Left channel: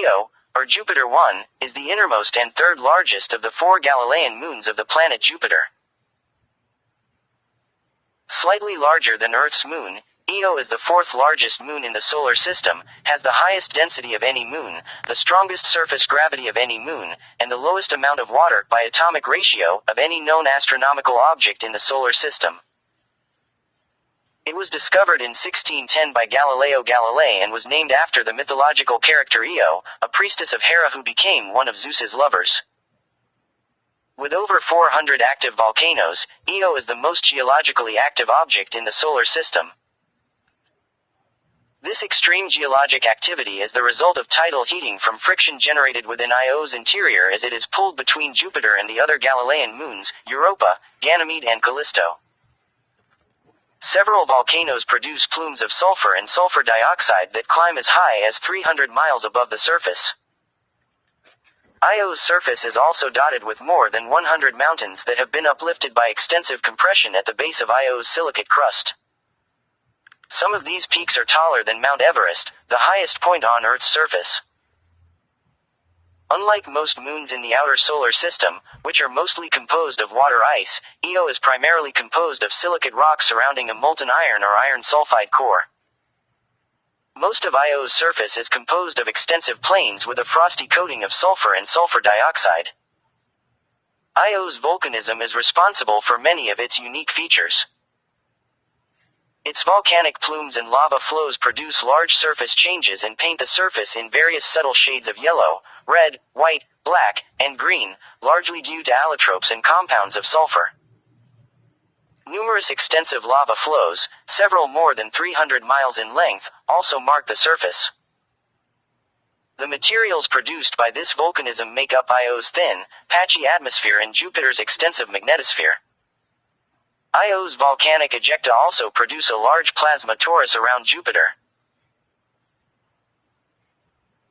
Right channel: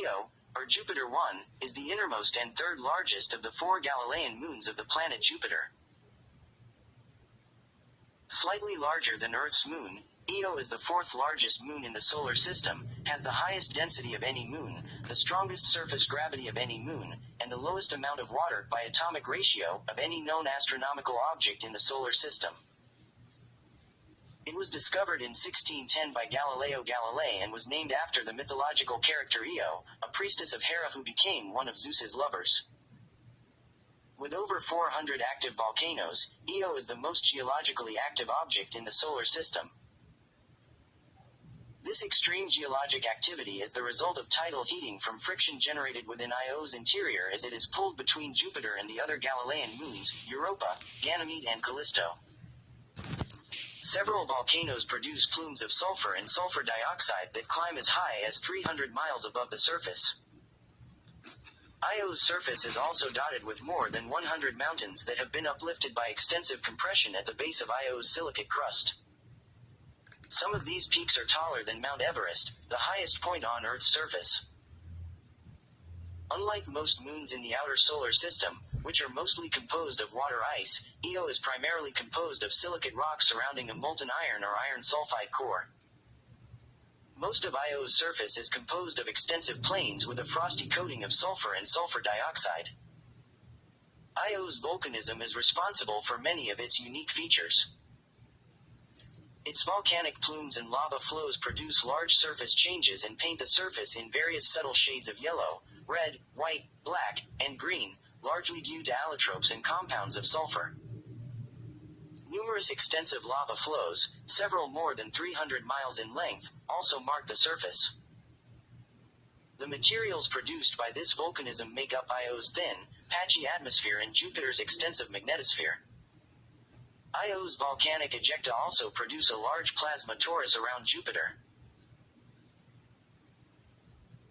Io, or Jupiter 1, is the innermost and third largest of the 4 Galilean moons of the planet Jupiter. Slightly larger than Earth's moon, Io is the 4th largest moon in the solar system, has the highest density of any moon, the strongest surface gravity of any moon, and the lowest amount of water by atomic ratio of any known astronomical object in the solar system. It was discovered in 1610 by Galileo Galilei and was named after the mythological character Io, a priestess of Hera who became one of Zeus's lovers. With over 400 active volcanoes, Io is the most geologically active object in the solar system. This extreme geologic activity is the result of tidal heating from friction generated within Io's interior as it is pulled between Jupiter and the other Galilean moons, Europa, Ganymede and Callisto. Several volcanoes produce plumes of sulfur and sulfur dioxide that climb as high as 300 miles above the surface. Io's surface is also dotted with more than 100 mountains that have been uplifted by extensive compression at the base of Io's silicate crust. Some of these peaks are taller than Mount Everest, the highest point on Earth's surface. Unlike most moons in the outer solar system, which are mostly composed of water ice, Io is primarily composed of silicate rock surrounding a molten iron or iron sulfide core. Most of Io's surface is composed of extensive plains with a frosty coating of sulfur and sulfur dioxide. Io's volcanism is responsible for many of its unique features. Its volcanic plumes and lava flows produce large surface changes and paint the surface in various subtle shades of yellow, red, white, black, and green, largely due to allotropes and compounds of sulfur. Numerous extensive lava flows, several more than 300 miles in length, also mark the surface. The materials produced by this volcanism make up Io's thin, patchy atmosphere and Jupiter's extensive magnetosphere. Io's volcanic ejecta also produce a large plasma torus around Jupiter.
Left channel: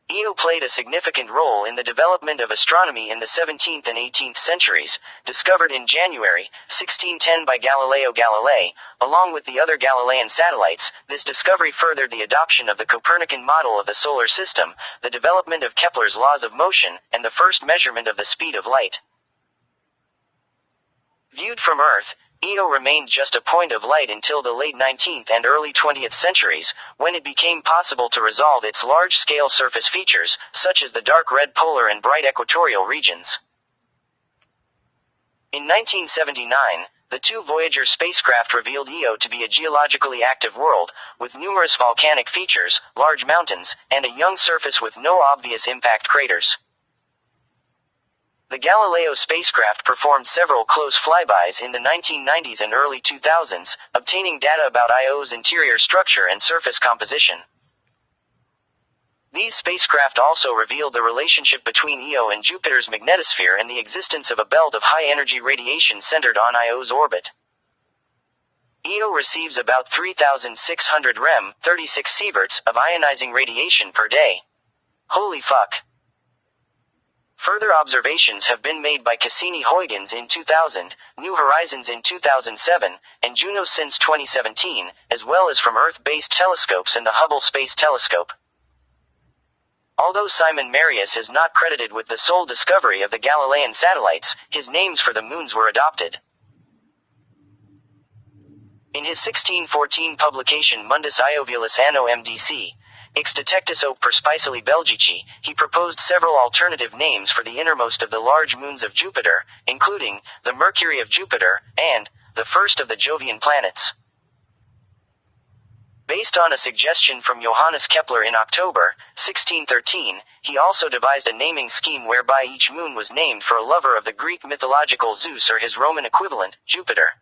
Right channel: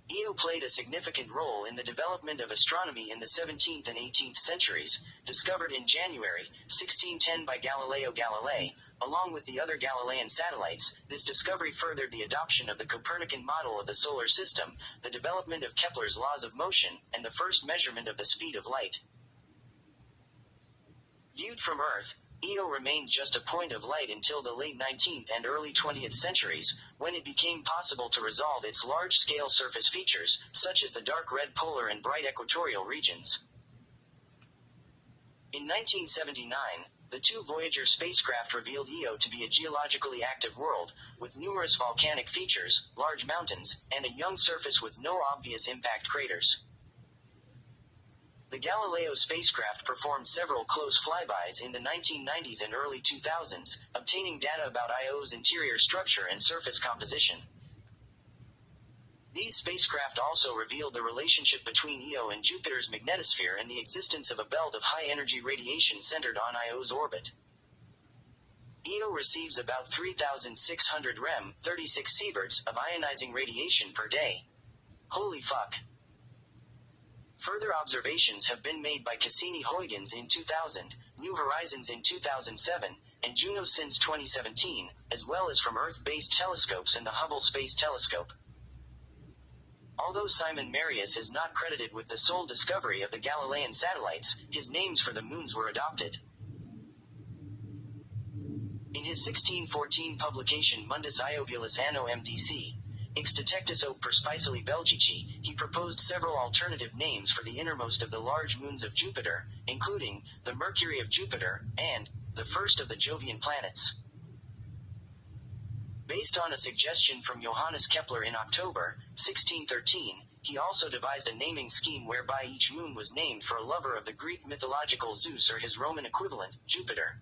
Io played a significant role in the development of astronomy in the 17th and 18th centuries, discovered in January 1610 by Galileo Galilei, along with the other Galilean satellites. This discovery furthered the adoption of the Copernican model of the solar system, the development of Kepler's laws of motion, and the first measurement of the speed of light. Viewed from Earth, Io remained just a point of light until the late 19th and early 20th centuries, when it became possible to resolve its large-scale surface features, such as the dark red polar and bright equatorial regions. In 1979, the 2 Voyager spacecraft revealed Io to be a geologically active world, with numerous volcanic features, large mountains, and a young surface with no obvious impact craters. The Galileo spacecraft performed several close flybys in the 1990s and early 2000s, obtaining data about Io's interior structure and surface composition. These spacecraft also revealed the relationship between Io and Jupiter's magnetosphere and the existence of a belt of high-energy radiation centered on Io's orbit. Io receives about 3,600 rem, 36 sieverts, of ionizing radiation per day. Holy fuck. Further observations have been made by Cassini-Huygens in 2000, New Horizons in 2007, and Juno since 2017, as well as from Earth-based telescopes and the Hubble Space Telescope. Although Simon Marius is not credited with the sole discovery of the Galilean satellites, his names for the moons were adopted. In his 1614 publication Mundus Ioviolus Anno MDC, Ix detectus op perspicili Belgici, he proposed several alternative names for the innermost of the large moons of Jupiter, including the Mercury of Jupiter and the first of the Jovian planets. Based on a suggestion from Johannes Kepler in October 1613, he also devised a naming scheme whereby each moon was named for a lover of the Greek mythological Zeus or his Roman equivalent, Jupiter.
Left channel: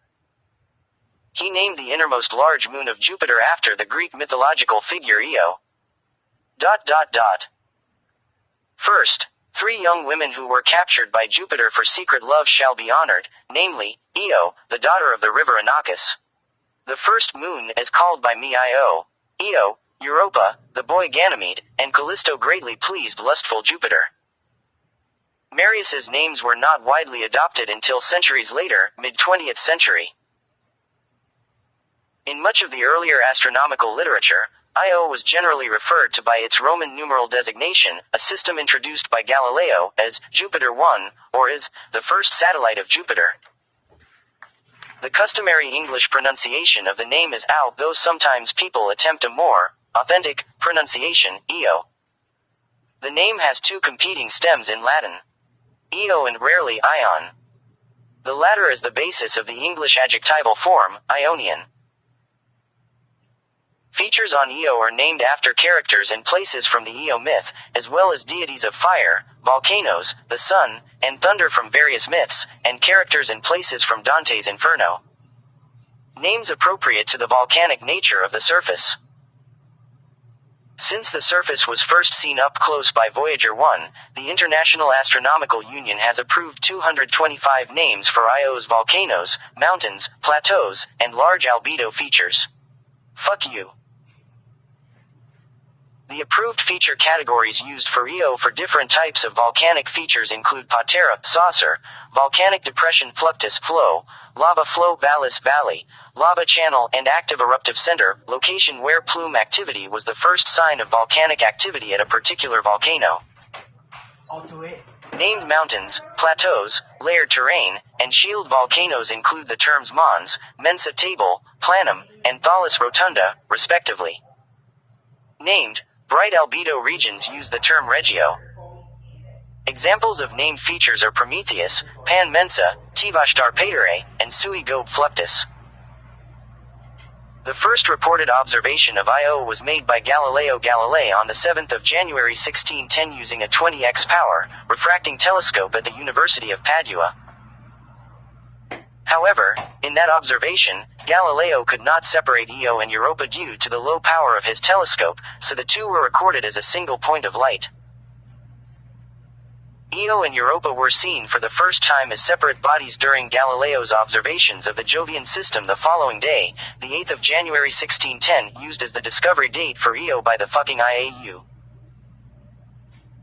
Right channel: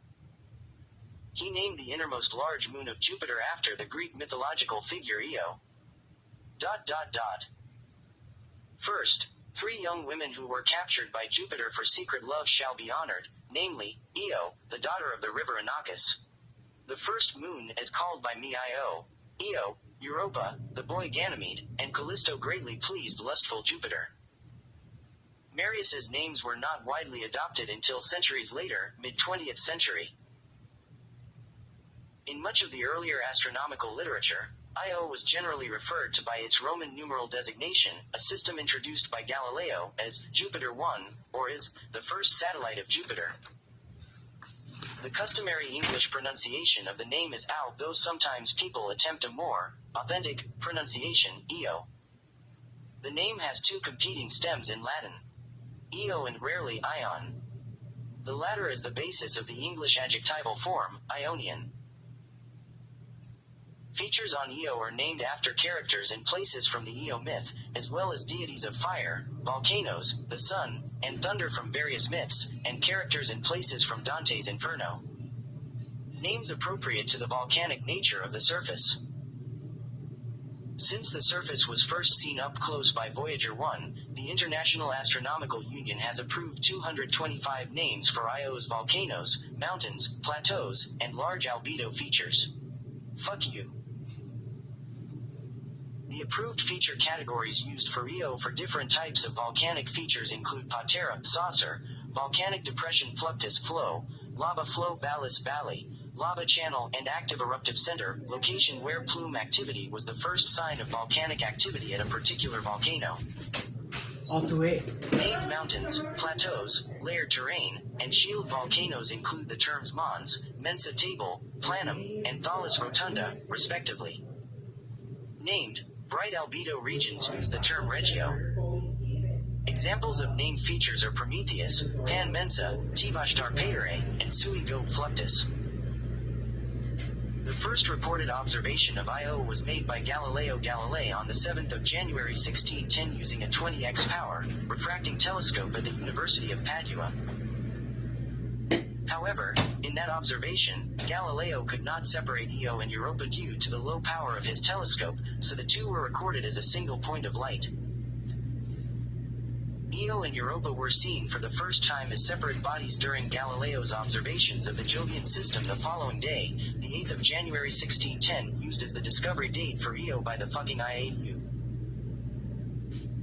He named the innermost large moon of Jupiter after the Greek mythological figure Io. First, 3 young women who were captured by Jupiter for secret love shall be honored, namely, Io, the daughter of the river Inachus. The first moon is called by me Io, Europa, the boy Ganymede, and Callisto greatly pleased lustful Jupiter. Marius's names were not widely adopted until centuries later, mid-20th century. In much of the earlier astronomical literature, Io was generally referred to by its Roman numeral designation, a system introduced by Galileo, as Jupiter 1, or as the first satellite of Jupiter. The customary English pronunciation of the name is Ao, though sometimes people attempt a more authentic pronunciation, Io. The name has two competing stems in Latin, Io and rarely Ion. The latter is the basis of the English adjectival form, Ionian. Features on Io are named after characters and places from the Io myth, as well as deities of fire, volcanoes, the sun, and thunder from various myths, and characters and places from Dante's Inferno. Names appropriate to the volcanic nature of the surface. Since the surface was first seen up close by Voyager 1, the International Astronomical Union has approved 225 names for Io's volcanoes, mountains, plateaus, and large albedo features. Fuck you. The approved feature categories used for Io for different types of volcanic features include patera, saucer, volcanic depression fluctus flow, lava flow vallis valley, lava channel, and active eruptive center, location where plume activity was the first sign of volcanic activity at a particular volcano. Named mountains, plateaus, layered terrain, and shield volcanoes include the terms Mons, Mensa Table, Planum, and Thales Rotunda, respectively. Named bright albedo regions use the term Regio. Examples of named features are Prometheus, Pan Mensa, Tivashtar Patere, and Sui Gobe Fluctus. The first reported observation of Io was made by Galileo Galilei on the 7th of January 1610 using a 20x power refracting telescope at the University of Padua. However, in that observation, Galileo could not separate Io and Europa due to the low power of his telescope, so the two were recorded as a single point of light. Io and Europa were seen for the first time as separate bodies during Galileo's observations of the Jovian system the following day, the 8th of January 1610, used as the discovery date for Io by the fucking IAU.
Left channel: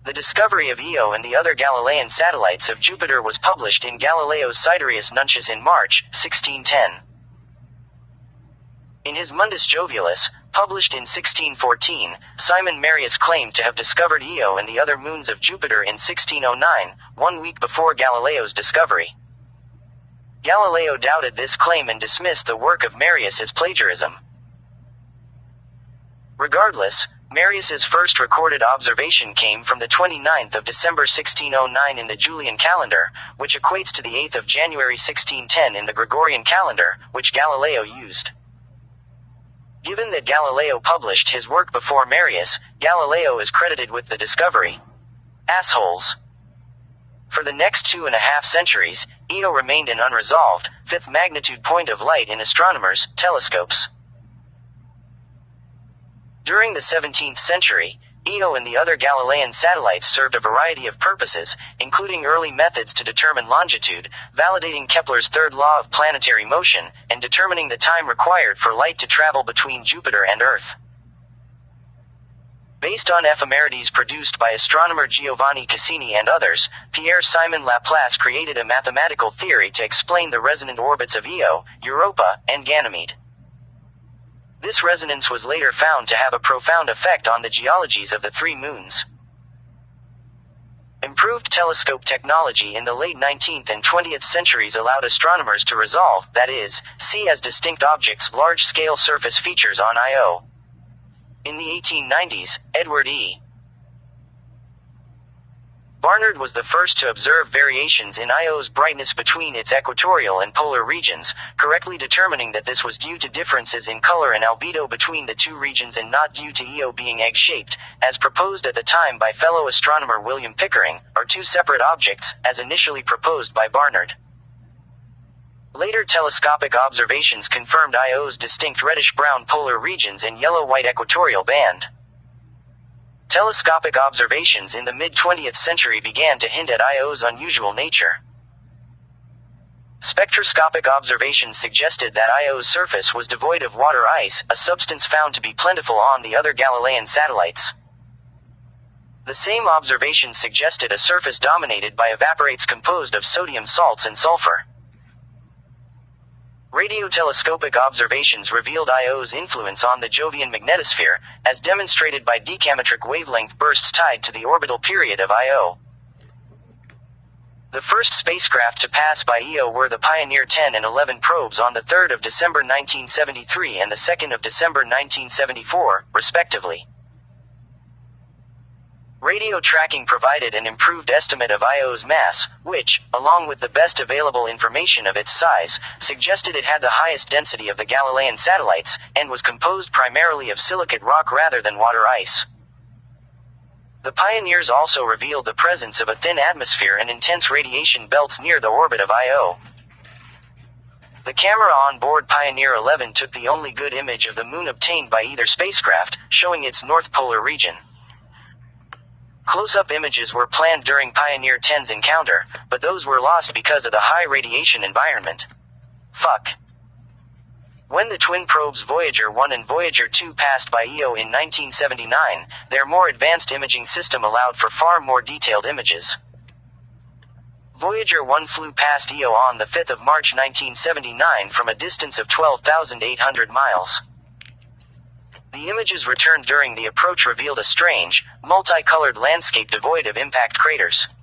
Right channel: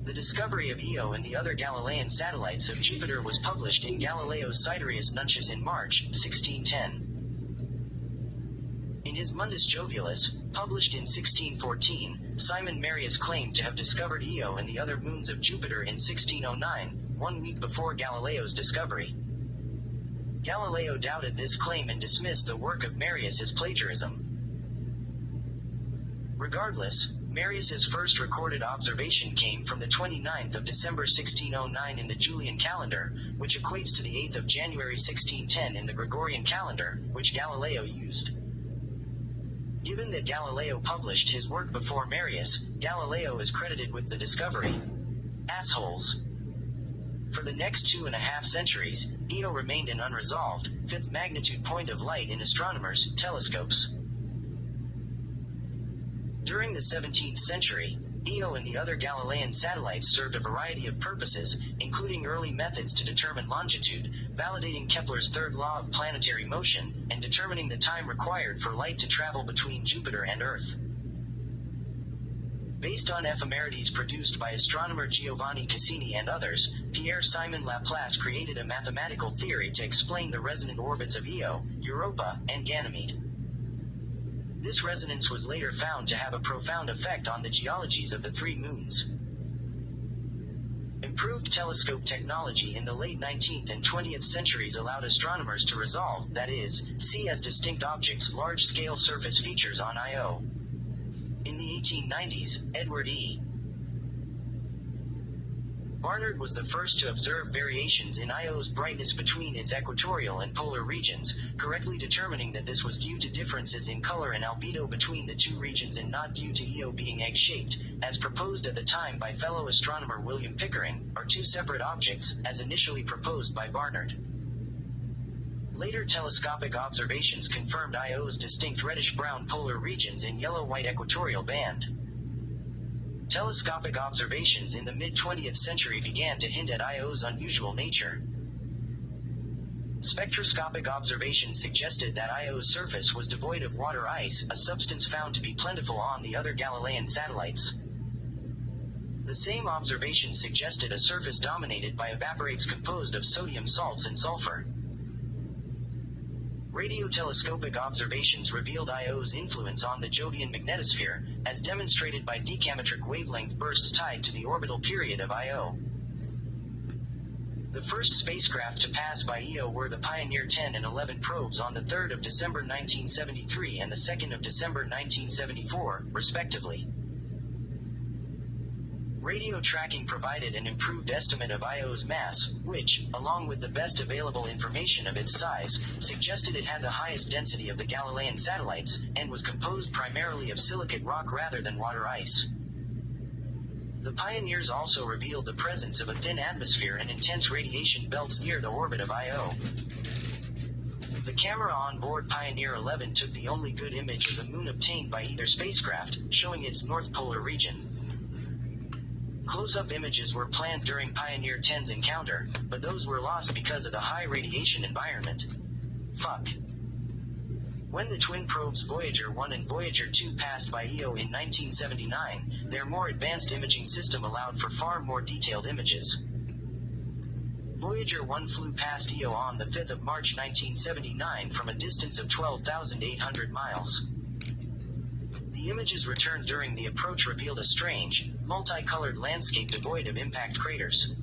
The discovery of Io and the other Galilean satellites of Jupiter was published in Galileo's Sidereus Nuncius in March, 1610. In his Mundus Jovialis, published in 1614, Simon Marius claimed to have discovered Io and the other moons of Jupiter in 1609, 1 week before Galileo's discovery. Galileo doubted this claim and dismissed the work of Marius as plagiarism. Regardless, Marius's first recorded observation came from the 29th of December 1609 in the Julian calendar, which equates to the 8th of January 1610 in the Gregorian calendar, which Galileo used. Given that Galileo published his work before Marius, Galileo is credited with the discovery. Assholes. For the next 2.5 centuries, Io remained an unresolved, fifth magnitude point of light in astronomers' telescopes. During the 17th century, Io and the other Galilean satellites served a variety of purposes, including early methods to determine longitude, validating Kepler's third law of planetary motion, and determining the time required for light to travel between Jupiter and Earth. Based on ephemerides produced by astronomer Giovanni Cassini and others, Pierre-Simon Laplace created a mathematical theory to explain the resonant orbits of Io, Europa, and Ganymede. This resonance was later found to have a profound effect on the geologies of the three moons. Improved telescope technology in the late 19th and 20th centuries allowed astronomers to resolve, that is, see as distinct objects large-scale surface features on Io. In the 1890s, Edward E. Barnard was the first to observe variations in Io's brightness between its equatorial and polar regions, correctly determining that this was due to differences in color and albedo between the two regions and not due to Io being egg-shaped, as proposed at the time by fellow astronomer William Pickering, or two separate objects, as initially proposed by Barnard. Later telescopic observations confirmed Io's distinct reddish-brown polar regions and yellow-white equatorial band. Telescopic observations in the mid-20th century began to hint at Io's unusual nature. Spectroscopic observations suggested that Io's surface was devoid of water ice, a substance found to be plentiful on the other Galilean satellites. The same observations suggested a surface dominated by evaporates composed of sodium salts and sulfur. Radiotelescopic observations revealed Io's influence on the Jovian magnetosphere, as demonstrated by decametric wavelength bursts tied to the orbital period of Io. The first spacecraft to pass by Io were the Pioneer 10 and 11 probes on the 3rd of December 1973 and the 2nd of December 1974, respectively. Radio tracking provided an improved estimate of Io's mass, which, along with the best available information of its size, suggested it had the highest density of the Galilean satellites, and was composed primarily of silicate rock rather than water ice. The Pioneers also revealed the presence of a thin atmosphere and intense radiation belts near the orbit of Io. The camera on board Pioneer 11 took the only good image of the Moon obtained by either spacecraft, showing its north polar region. Close-up images were planned during Pioneer 10's encounter, but those were lost because of the high radiation environment. When the twin probes Voyager 1 and Voyager 2 passed by Io in 1979, their more advanced imaging system allowed for far more detailed images. Voyager 1 flew past Io on the 5th of March 1979 from a distance of 12,800 miles. The images returned during the approach revealed a strange, multicolored landscape devoid of impact craters.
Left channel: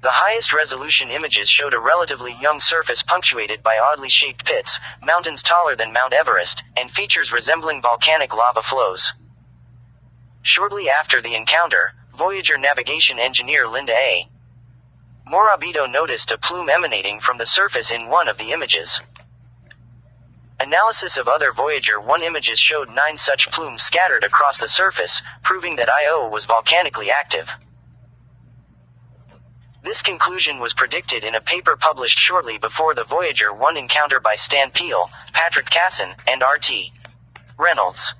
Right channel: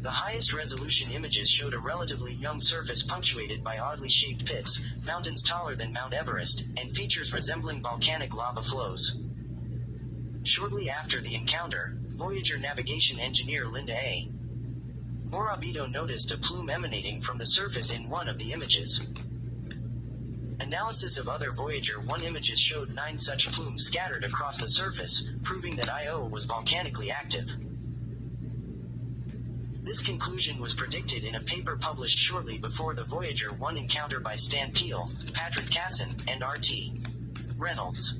The highest resolution images showed a relatively young surface punctuated by oddly shaped pits, mountains taller than Mount Everest, and features resembling volcanic lava flows. Shortly after the encounter, Voyager navigation engineer Linda A. Morabito noticed a plume emanating from the surface in one of the images. Analysis of other Voyager 1 images showed 9 such plumes scattered across the surface, proving that Io was volcanically active. This conclusion was predicted in a paper published shortly before the Voyager 1 encounter by Stan Peel, Patrick Casson, and R.T. Reynolds.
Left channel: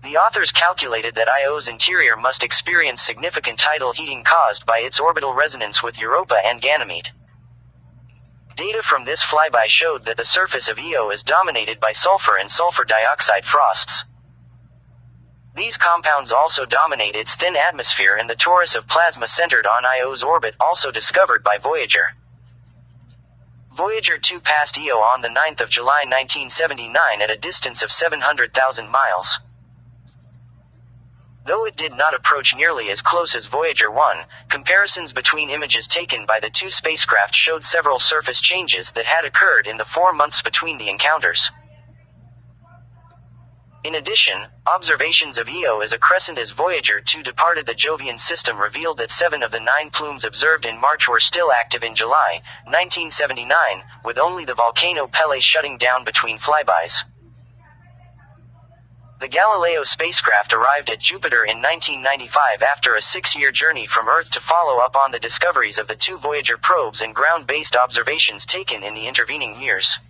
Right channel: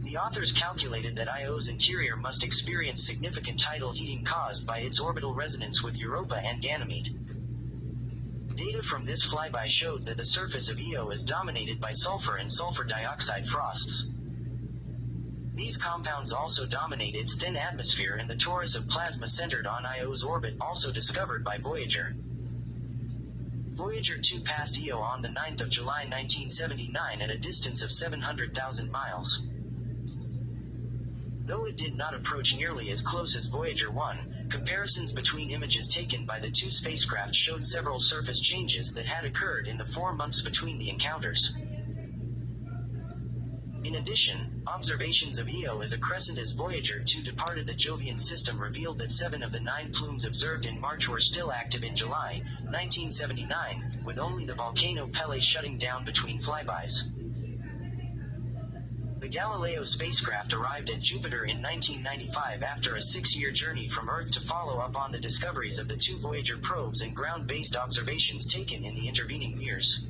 The authors calculated that Io's interior must experience significant tidal heating caused by its orbital resonance with Europa and Ganymede. Data from this flyby showed that the surface of Io is dominated by sulfur and sulfur dioxide frosts. These compounds also dominate its thin atmosphere and the torus of plasma centered on Io's orbit, also discovered by Voyager. Voyager 2 passed Io on the 9th of July 1979 at a distance of 700,000 miles. Though it did not approach nearly as close as Voyager 1, comparisons between images taken by the two spacecraft showed several surface changes that had occurred in the 4 months between the encounters. In addition, observations of Io as a crescent as Voyager 2 departed the Jovian system revealed that 7 of the 9 plumes observed in March were still active in July 1979, with only the volcano Pele shutting down between flybys. The Galileo spacecraft arrived at Jupiter in 1995 after a 6-year journey from Earth to follow up on the discoveries of the 2 Voyager probes and ground-based observations taken in the intervening years.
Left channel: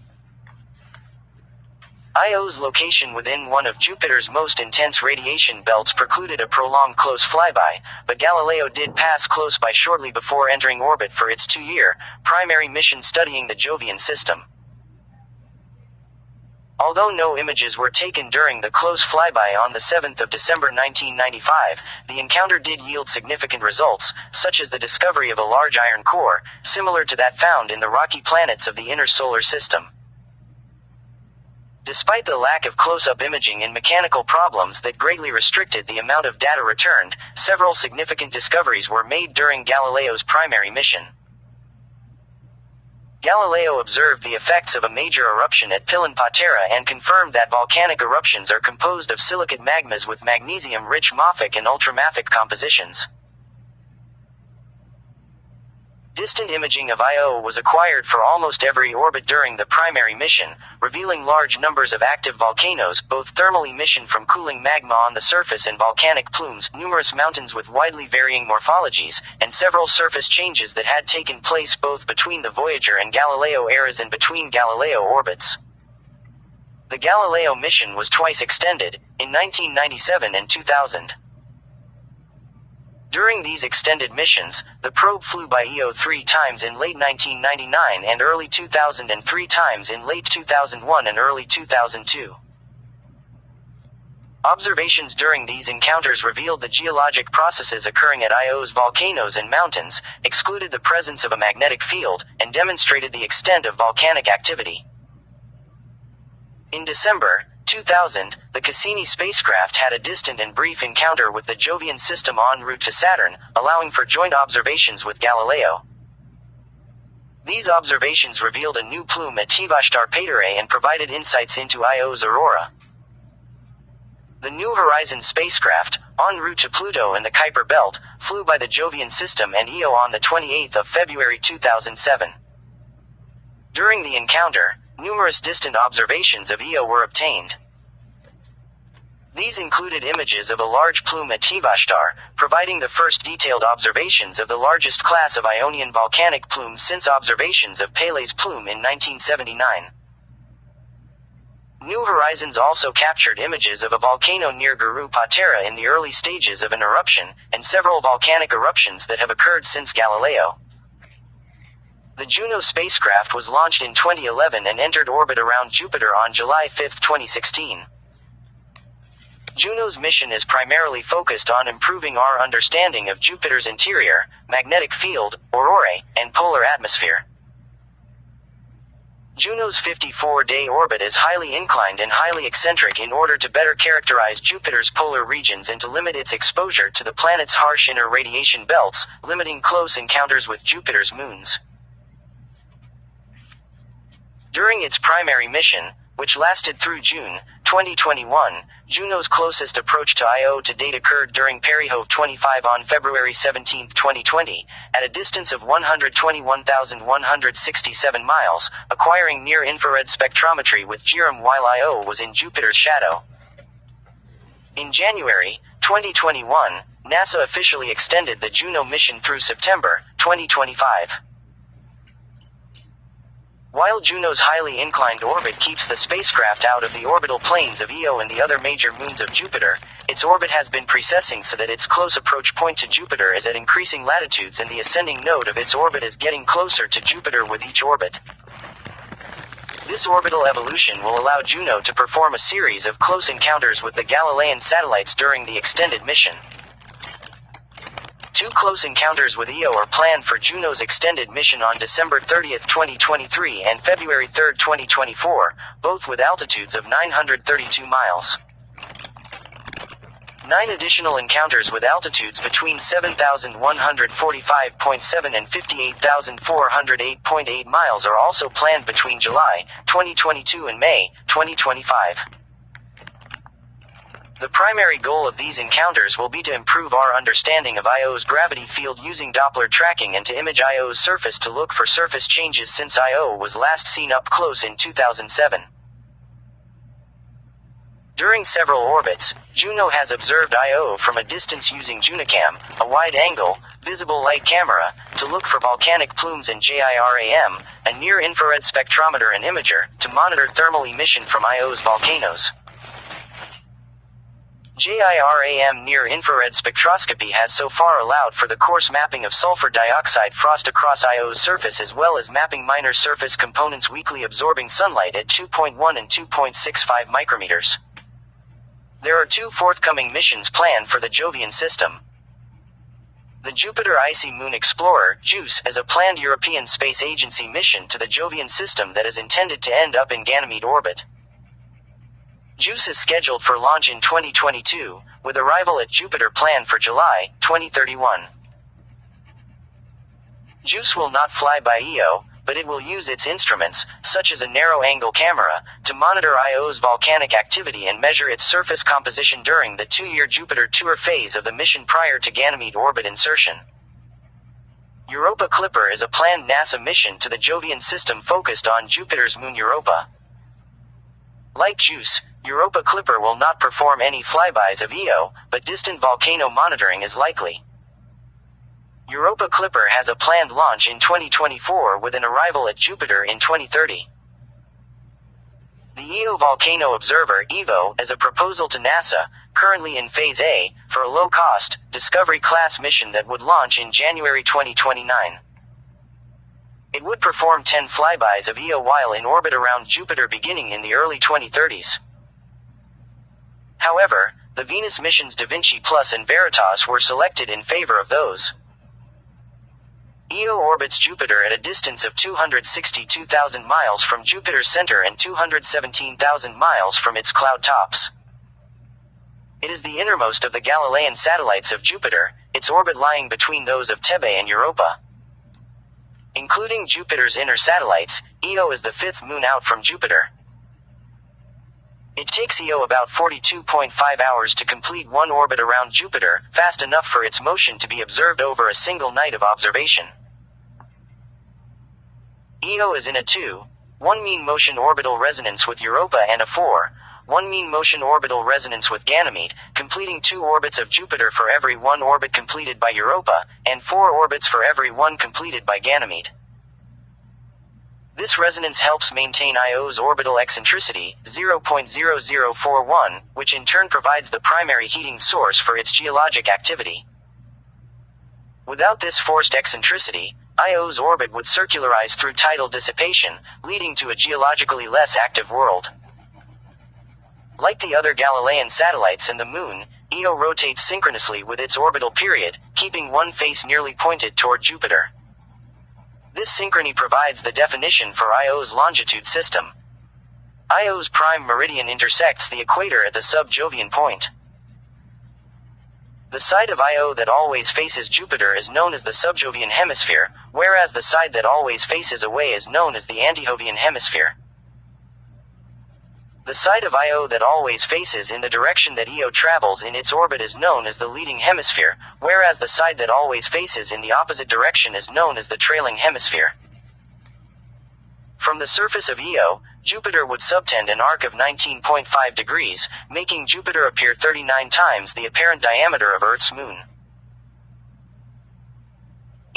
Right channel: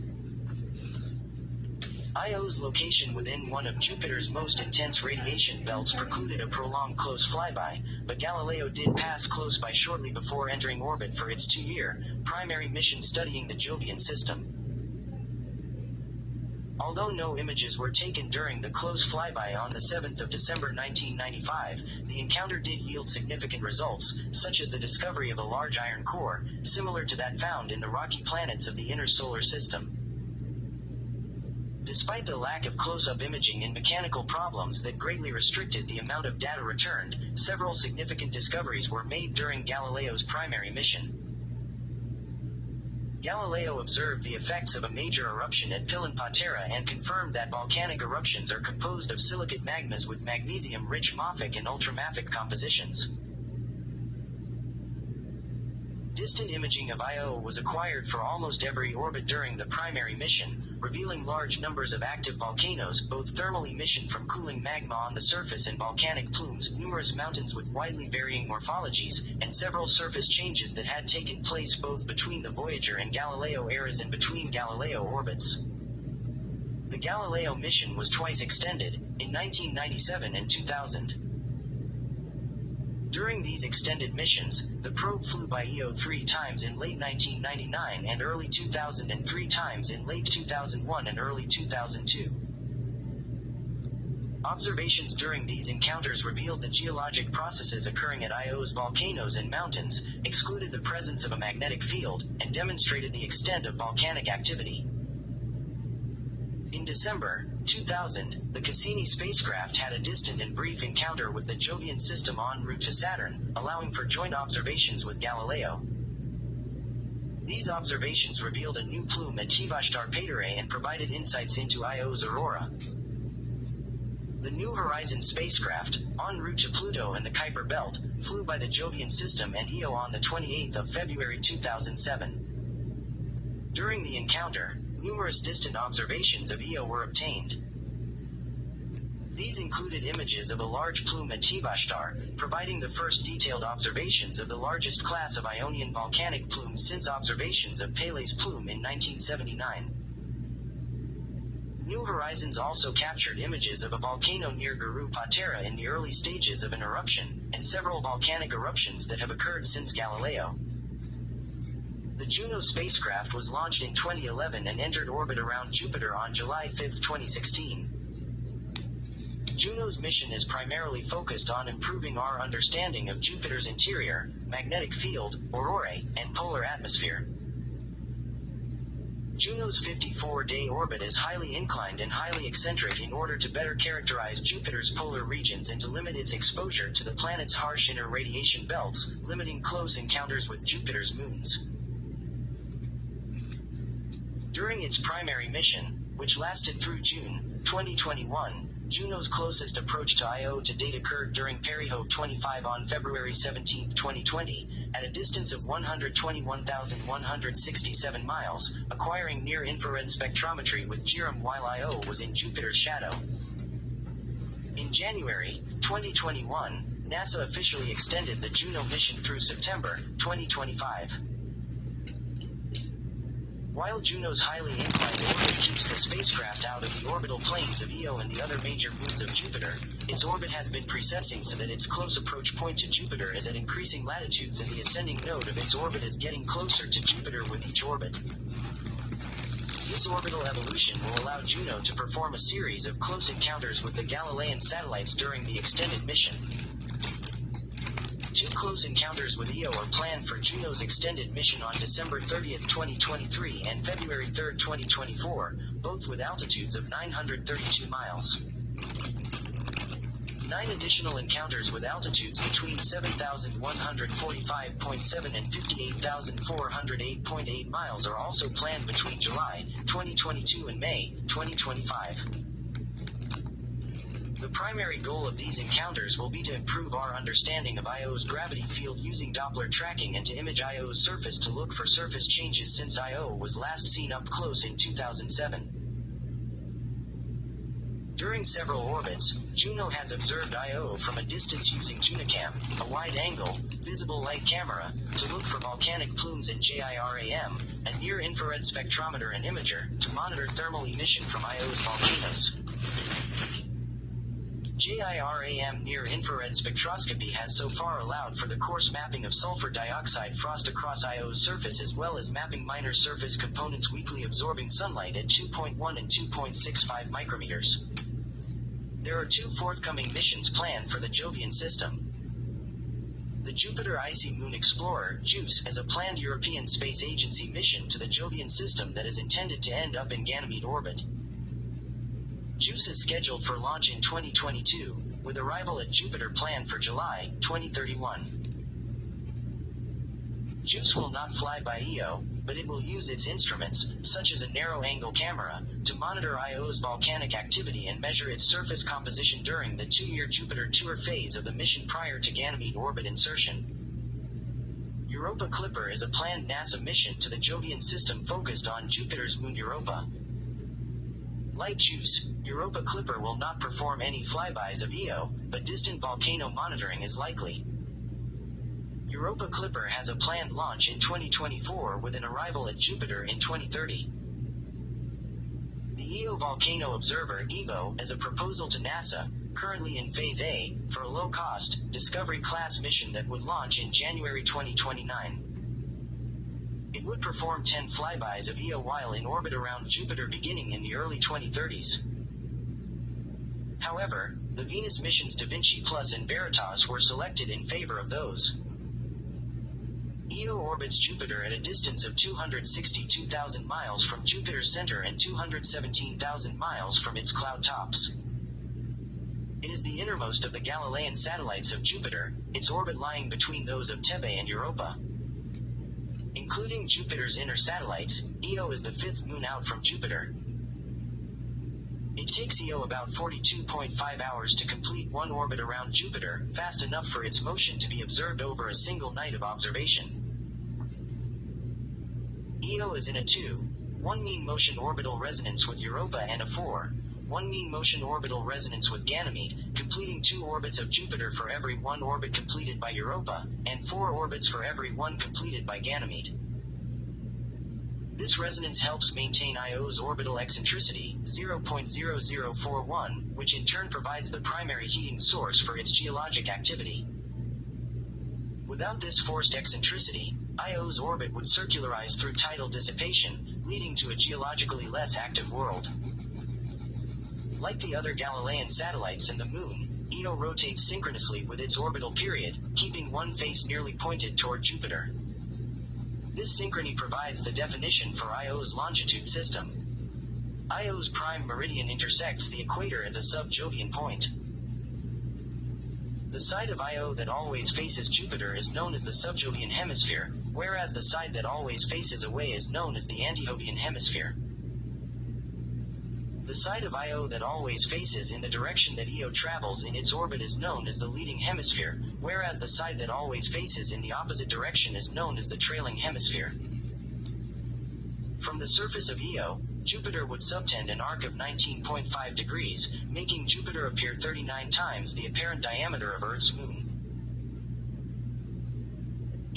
Io's location within one of Jupiter's most intense radiation belts precluded a prolonged close flyby, but Galileo did pass close by shortly before entering orbit for its 2-year primary mission studying the Jovian system. Although no images were taken during the close flyby on the 7th of December 1995, the encounter did yield significant results, such as the discovery of a large iron core, similar to that found in the rocky planets of the inner solar system. Despite the lack of close-up imaging and mechanical problems that greatly restricted the amount of data returned, several significant discoveries were made during Galileo's primary mission. Galileo observed the effects of a major eruption at Pilon Patera and confirmed that volcanic eruptions are composed of silicate magmas with magnesium-rich mafic and ultramafic compositions. Distant imaging of Io was acquired for almost every orbit during the primary mission, revealing large numbers of active volcanoes, both thermal emission from cooling magma on the surface and volcanic plumes, numerous mountains with widely varying morphologies, and several surface changes that had taken place both between the Voyager and Galileo eras and between Galileo orbits. The Galileo mission was twice extended, in 1997 and 2000. During these extended missions, the probe flew by Io 3 times in late 1999 and early 2000 and 3 times in late 2001 and early 2002. Observations during these encounters revealed the geologic processes occurring at Io's volcanoes and mountains, excluded the presence of a magnetic field, and demonstrated the extent of volcanic activity. In December 2000, the Cassini spacecraft had a distant and brief encounter with the Jovian system en route to Saturn, allowing for joint observations with Galileo. These observations revealed a new plume at Tivashtar Pateray and provided insights into Io's aurora. The New Horizons spacecraft, en route to Pluto and the Kuiper Belt, flew by the Jovian system and Io on the 28th of February 2007. During the encounter, numerous distant observations of Io were obtained. These included images of a large plume at Tivashtar, providing the first detailed observations of the largest class of Ionian volcanic plumes since observations of Pele's plume in 1979. New Horizons also captured images of a volcano near Guru Patera in the early stages of an eruption, and several volcanic eruptions that have occurred since Galileo. The Juno spacecraft was launched in 2011 and entered orbit around Jupiter on July 5, 2016. Juno's mission is primarily focused on improving our understanding of Jupiter's interior, magnetic field, aurorae, and polar atmosphere. Juno's 54-day orbit is highly inclined and highly eccentric in order to better characterize Jupiter's polar regions and to limit its exposure to the planet's harsh inner radiation belts, limiting close encounters with Jupiter's moons. During its primary mission, which lasted through June 2021, Juno's closest approach to Io to date occurred during Peryhove 25 on February 17, 2020, at a distance of 121,167 miles, acquiring near-infrared spectrometry with GIRM while Io was in Jupiter's shadow. In January 2021, NASA officially extended the Juno mission through September 2025. While Juno's highly inclined orbit keeps the spacecraft out of the orbital planes of Io and the other major moons of Jupiter, its orbit has been precessing so that its close approach point to Jupiter is at increasing latitudes and the ascending node of its orbit is getting closer to Jupiter with each orbit. This orbital evolution will allow Juno to perform a series of close encounters with the Galilean satellites during the extended mission. 2 close encounters with Io are planned for Juno's extended mission on December 30, 2023 and February 3, 2024, both with altitudes of 932 miles. 9 additional encounters with altitudes between 7,145.7 and 58,408.8 miles are also planned between July 2022 and May 2025. The primary goal of these encounters will be to improve our understanding of Io's gravity field using Doppler tracking and to image Io's surface to look for surface changes since Io was last seen up close in 2007. During several orbits, Juno has observed Io from a distance using JunoCam, a wide-angle, visible light camera, to look for volcanic plumes and GIRAM, a near-infrared spectrometer and imager, to monitor thermal emission from Io's volcanoes. GIRAM near-infrared spectroscopy has so far allowed for the coarse mapping of sulfur dioxide frost across Io's surface as well as mapping minor surface components weakly absorbing sunlight at 2.1 and 2.65 micrometers. There are 2 forthcoming missions planned for the Jovian system. The Jupiter Icy Moon Explorer, JUICE, is a planned European Space Agency mission to the Jovian system that is intended to end up in Ganymede orbit. JUICE is scheduled for launch in 2022, with arrival at Jupiter planned for July 2031. JUICE will not fly by Io, but it will use its instruments, such as a narrow-angle camera, to monitor Io's volcanic activity and measure its surface composition during the 2-year Jupiter tour phase of the mission prior to Ganymede orbit insertion. Europa Clipper is a planned NASA mission to the Jovian system focused on Jupiter's moon Europa. Like JUICE, Europa Clipper will not perform any flybys of Io, but distant volcano monitoring is likely. Europa Clipper has a planned launch in 2024 with an arrival at Jupiter in 2030. The Io Volcano Observer (EVO) is a proposal to NASA, currently in Phase A, for a low-cost, Discovery-class mission that would launch in January 2029. It would perform 10 flybys of Io while in orbit around Jupiter beginning in the early 2030s. However, the Venus missions Da Vinci Plus and Veritas were selected in favor of those. Io orbits Jupiter at a distance of 262,000 miles from Jupiter's center and 217,000 miles from its cloud tops. It is the innermost of the Galilean satellites of Jupiter, its orbit lying between those of Thebe and Europa. Including Jupiter's inner satellites, Io is the fifth moon out from Jupiter. It takes Io about 42.5 hours to complete one orbit around Jupiter, fast enough for its motion to be observed over a single night of observation. Io is in a 2:1 mean motion orbital resonance with Europa and a 4:1 mean motion orbital resonance with Ganymede, completing 2 orbits of Jupiter for every 1 orbit completed by Europa, and 4 orbits for every 1 completed by Ganymede. This resonance helps maintain Io's orbital eccentricity, 0.0041, which in turn provides the primary heating source for its geologic activity. Without this forced eccentricity, Io's orbit would circularize through tidal dissipation, leading to a geologically less active world. Like the other Galilean satellites and the Moon, Io rotates synchronously with its orbital period, keeping one face nearly pointed toward Jupiter. This synchrony provides the definition for Io's longitude system. Io's prime meridian intersects the equator at the sub-Jovian point. The side of Io that always faces Jupiter is known as the subjovian hemisphere, whereas the side that always faces away is known as the antijovian hemisphere. The side of Io that always faces in the direction that Io travels in its orbit is known as the leading hemisphere, whereas the side that always faces in the opposite direction is known as the trailing hemisphere. From the surface of Io, Jupiter would subtend an arc of 19.5 degrees, making Jupiter appear 39 times the apparent diameter of Earth's moon.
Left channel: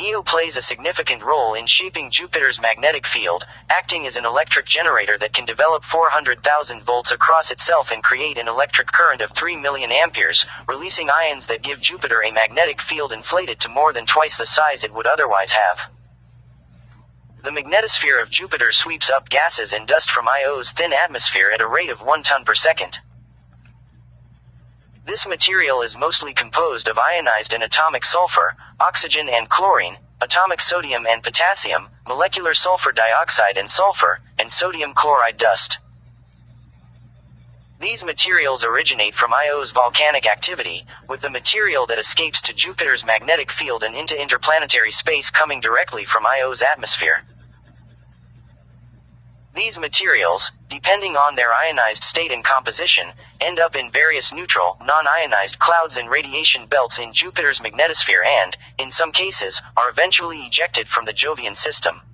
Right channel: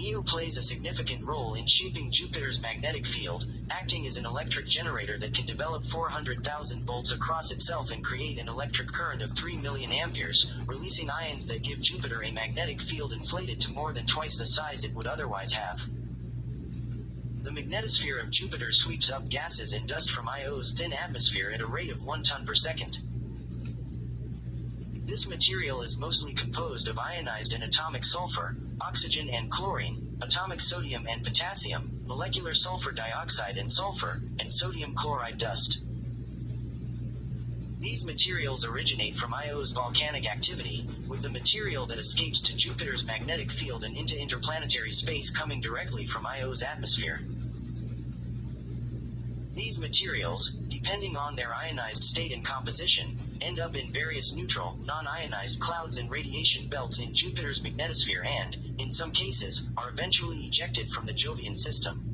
Io plays a significant role in shaping Jupiter's magnetic field, acting as an electric generator that can develop 400,000 volts across itself and create an electric current of 3 million amperes, releasing ions that give Jupiter a magnetic field inflated to more than twice the size it would otherwise have. The magnetosphere of Jupiter sweeps up gases and dust from Io's thin atmosphere at a rate of 1 ton per second. This material is mostly composed of ionized and atomic sulfur, oxygen and chlorine, atomic sodium and potassium, molecular sulfur dioxide and sulfur, and sodium chloride dust. These materials originate from Io's volcanic activity, with the material that escapes to Jupiter's magnetic field and into interplanetary space coming directly from Io's atmosphere. These materials, depending on their ionized state and composition, end up in various neutral, non-ionized clouds and radiation belts in Jupiter's magnetosphere and, in some cases, are eventually ejected from the Jovian system.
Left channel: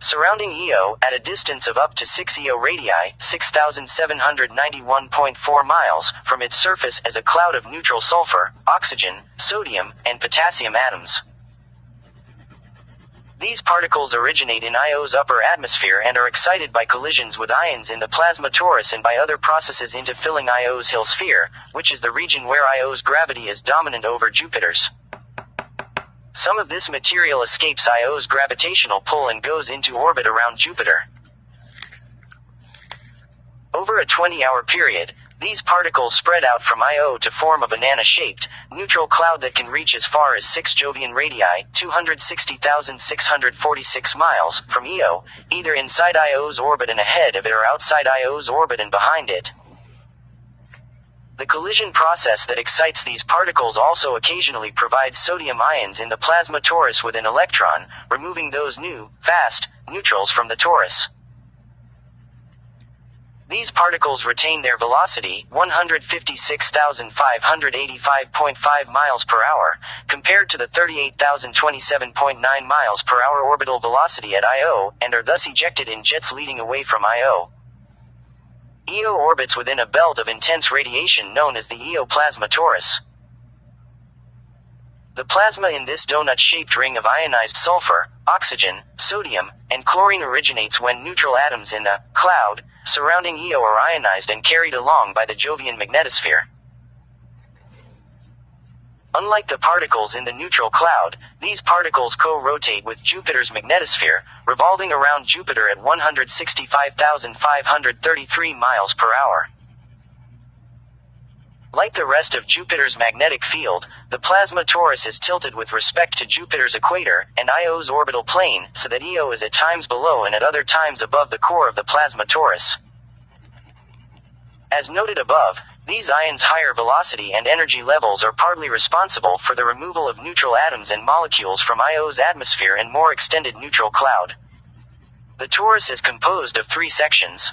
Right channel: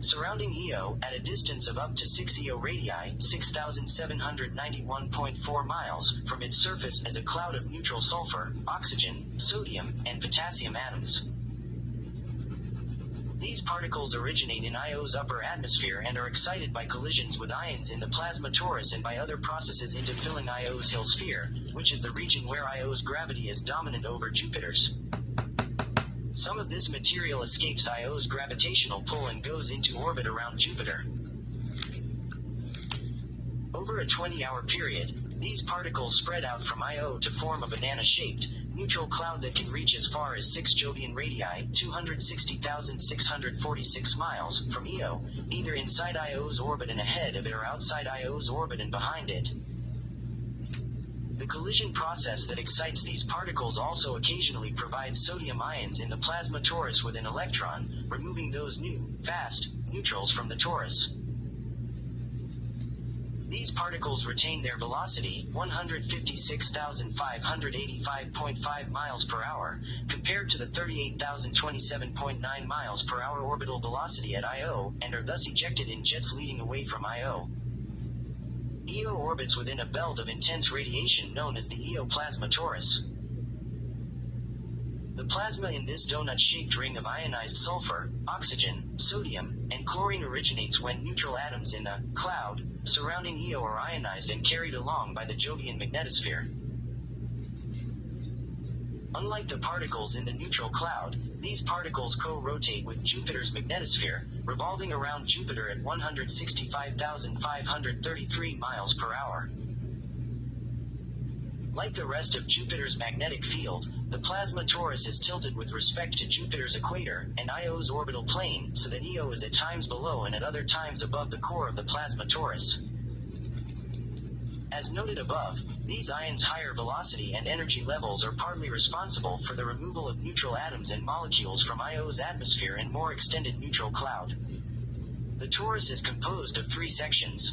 Surrounding Io, at a distance of up to 6 Io radii, 6,791.4 miles, from its surface is a cloud of neutral sulfur, oxygen, sodium, and potassium atoms. These particles originate in Io's upper atmosphere and are excited by collisions with ions in the plasma torus and by other processes into filling Io's Hill sphere, which is the region where Io's gravity is dominant over Jupiter's. Some of this material escapes Io's gravitational pull and goes into orbit around Jupiter. Over a 20-hour period, these particles spread out from Io to form a banana-shaped, neutral cloud that can reach as far as 6 Jovian radii, 260,646 miles, from Io, either inside Io's orbit and ahead of it or outside Io's orbit and behind it. The collision process that excites these particles also occasionally provides sodium ions in the plasma torus with an electron, removing those new, fast, neutrals from the torus. These particles retain their velocity, 156,585.5 miles per hour, compared to the 38,027.9 miles per hour orbital velocity at Io, and are thus ejected in jets leading away from Io. Io orbits within a belt of intense radiation known as the Io plasma torus. The plasma in this donut-shaped ring of ionized sulfur, oxygen, sodium, and chlorine originates when neutral atoms in the cloud surrounding Io are ionized and carried along by the Jovian magnetosphere. Unlike the particles in the neutral cloud, these particles co-rotate with Jupiter's magnetosphere, revolving around Jupiter at 165,533 miles per hour. Like the rest of Jupiter's magnetic field, the plasma torus is tilted with respect to Jupiter's equator and Io's orbital plane, so that Io is at times below and at other times above the core of the plasma torus. As noted above, these ions' higher velocity and energy levels are partly responsible for the removal of neutral atoms and molecules from Io's atmosphere and more extended neutral cloud. The torus is composed of 3 sections.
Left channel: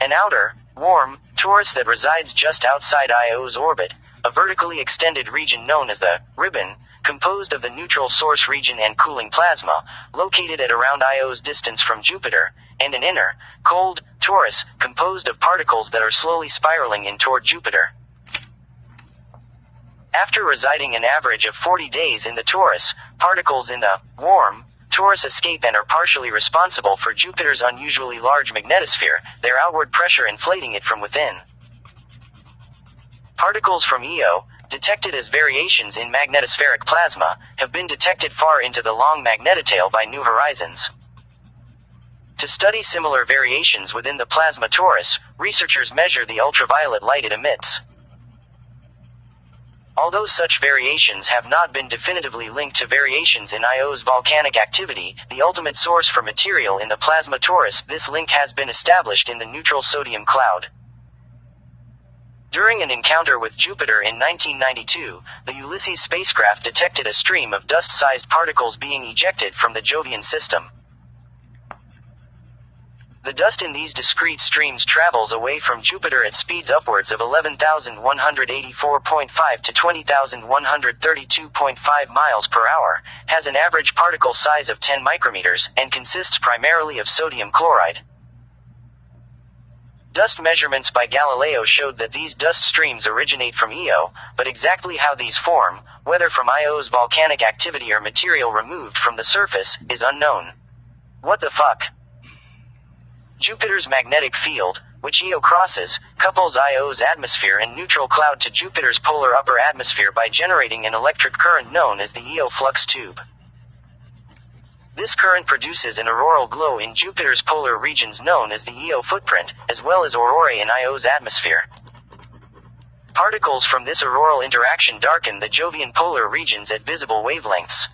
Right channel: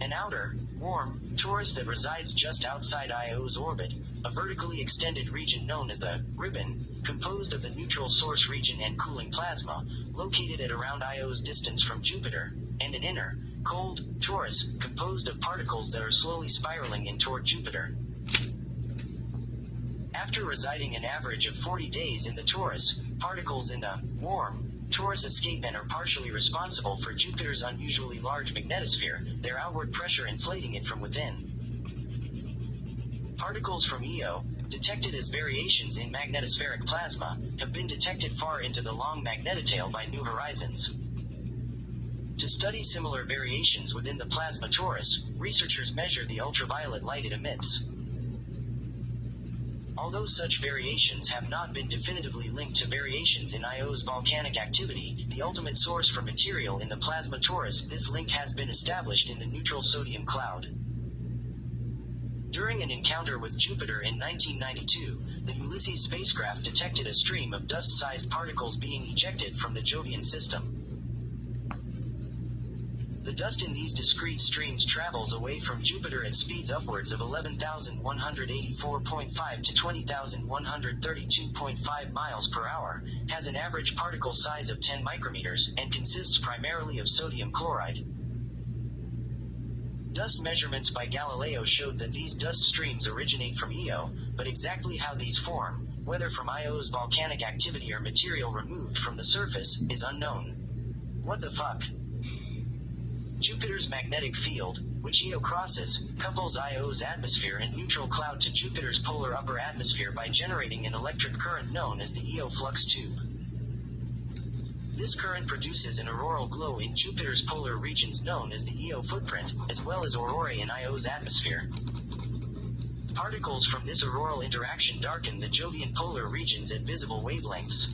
An outer, warm, torus that resides just outside Io's orbit, a vertically extended region known as the ribbon, composed of the neutral source region and cooling plasma, located at around Io's distance from Jupiter, and an inner, cold, torus, composed of particles that are slowly spiraling in toward Jupiter. After residing an average of 40 days in the torus, particles in the warm torus escape and are partially responsible for Jupiter's unusually large magnetosphere, their outward pressure inflating it from within. Particles from Io, detected as variations in magnetospheric plasma, have been detected far into the long magnetotail by New Horizons. To study similar variations within the plasma torus, researchers measure the ultraviolet light it emits. Although such variations have not been definitively linked to variations in Io's volcanic activity, the ultimate source for material in the plasma torus, this link has been established in the neutral sodium cloud. During an encounter with Jupiter in 1992, the Ulysses spacecraft detected a stream of dust-sized particles being ejected from the Jovian system. The dust in these discrete streams travels away from Jupiter at speeds upwards of 11,184.5 to 20,132.5 miles per hour, has an average particle size of 10 micrometers, and consists primarily of sodium chloride. Dust measurements by Galileo showed that these dust streams originate from Io, but exactly how these form, whether from Io's volcanic activity or material removed from the surface, is unknown. What the fuck? Jupiter's magnetic field, which Io crosses, couples Io's atmosphere and neutral cloud to Jupiter's polar upper atmosphere by generating an electric current known as the Io flux tube. This current produces an auroral glow in Jupiter's polar regions known as the Io footprint, as well as aurorae in Io's atmosphere. Particles from this auroral interaction darken the Jovian polar regions at visible wavelengths.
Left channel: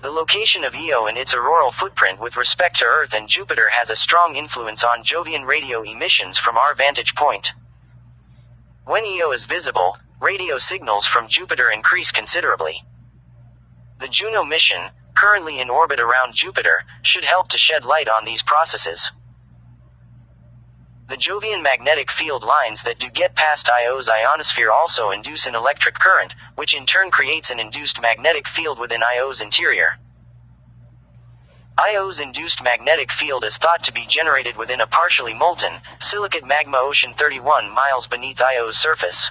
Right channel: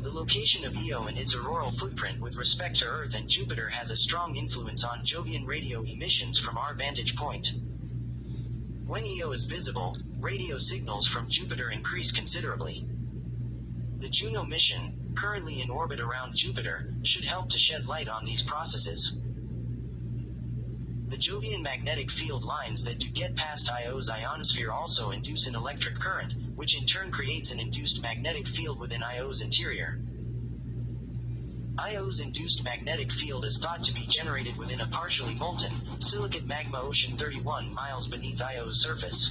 The location of Io and its auroral footprint with respect to Earth and Jupiter has a strong influence on Jovian radio emissions from our vantage point. When Io is visible, radio signals from Jupiter increase considerably. The Juno mission, currently in orbit around Jupiter, should help to shed light on these processes. The Jovian magnetic field lines that do get past Io's ionosphere also induce an electric current, which in turn creates an induced magnetic field within Io's interior. Io's induced magnetic field is thought to be generated within a partially molten, silicate magma ocean 31 miles beneath Io's surface.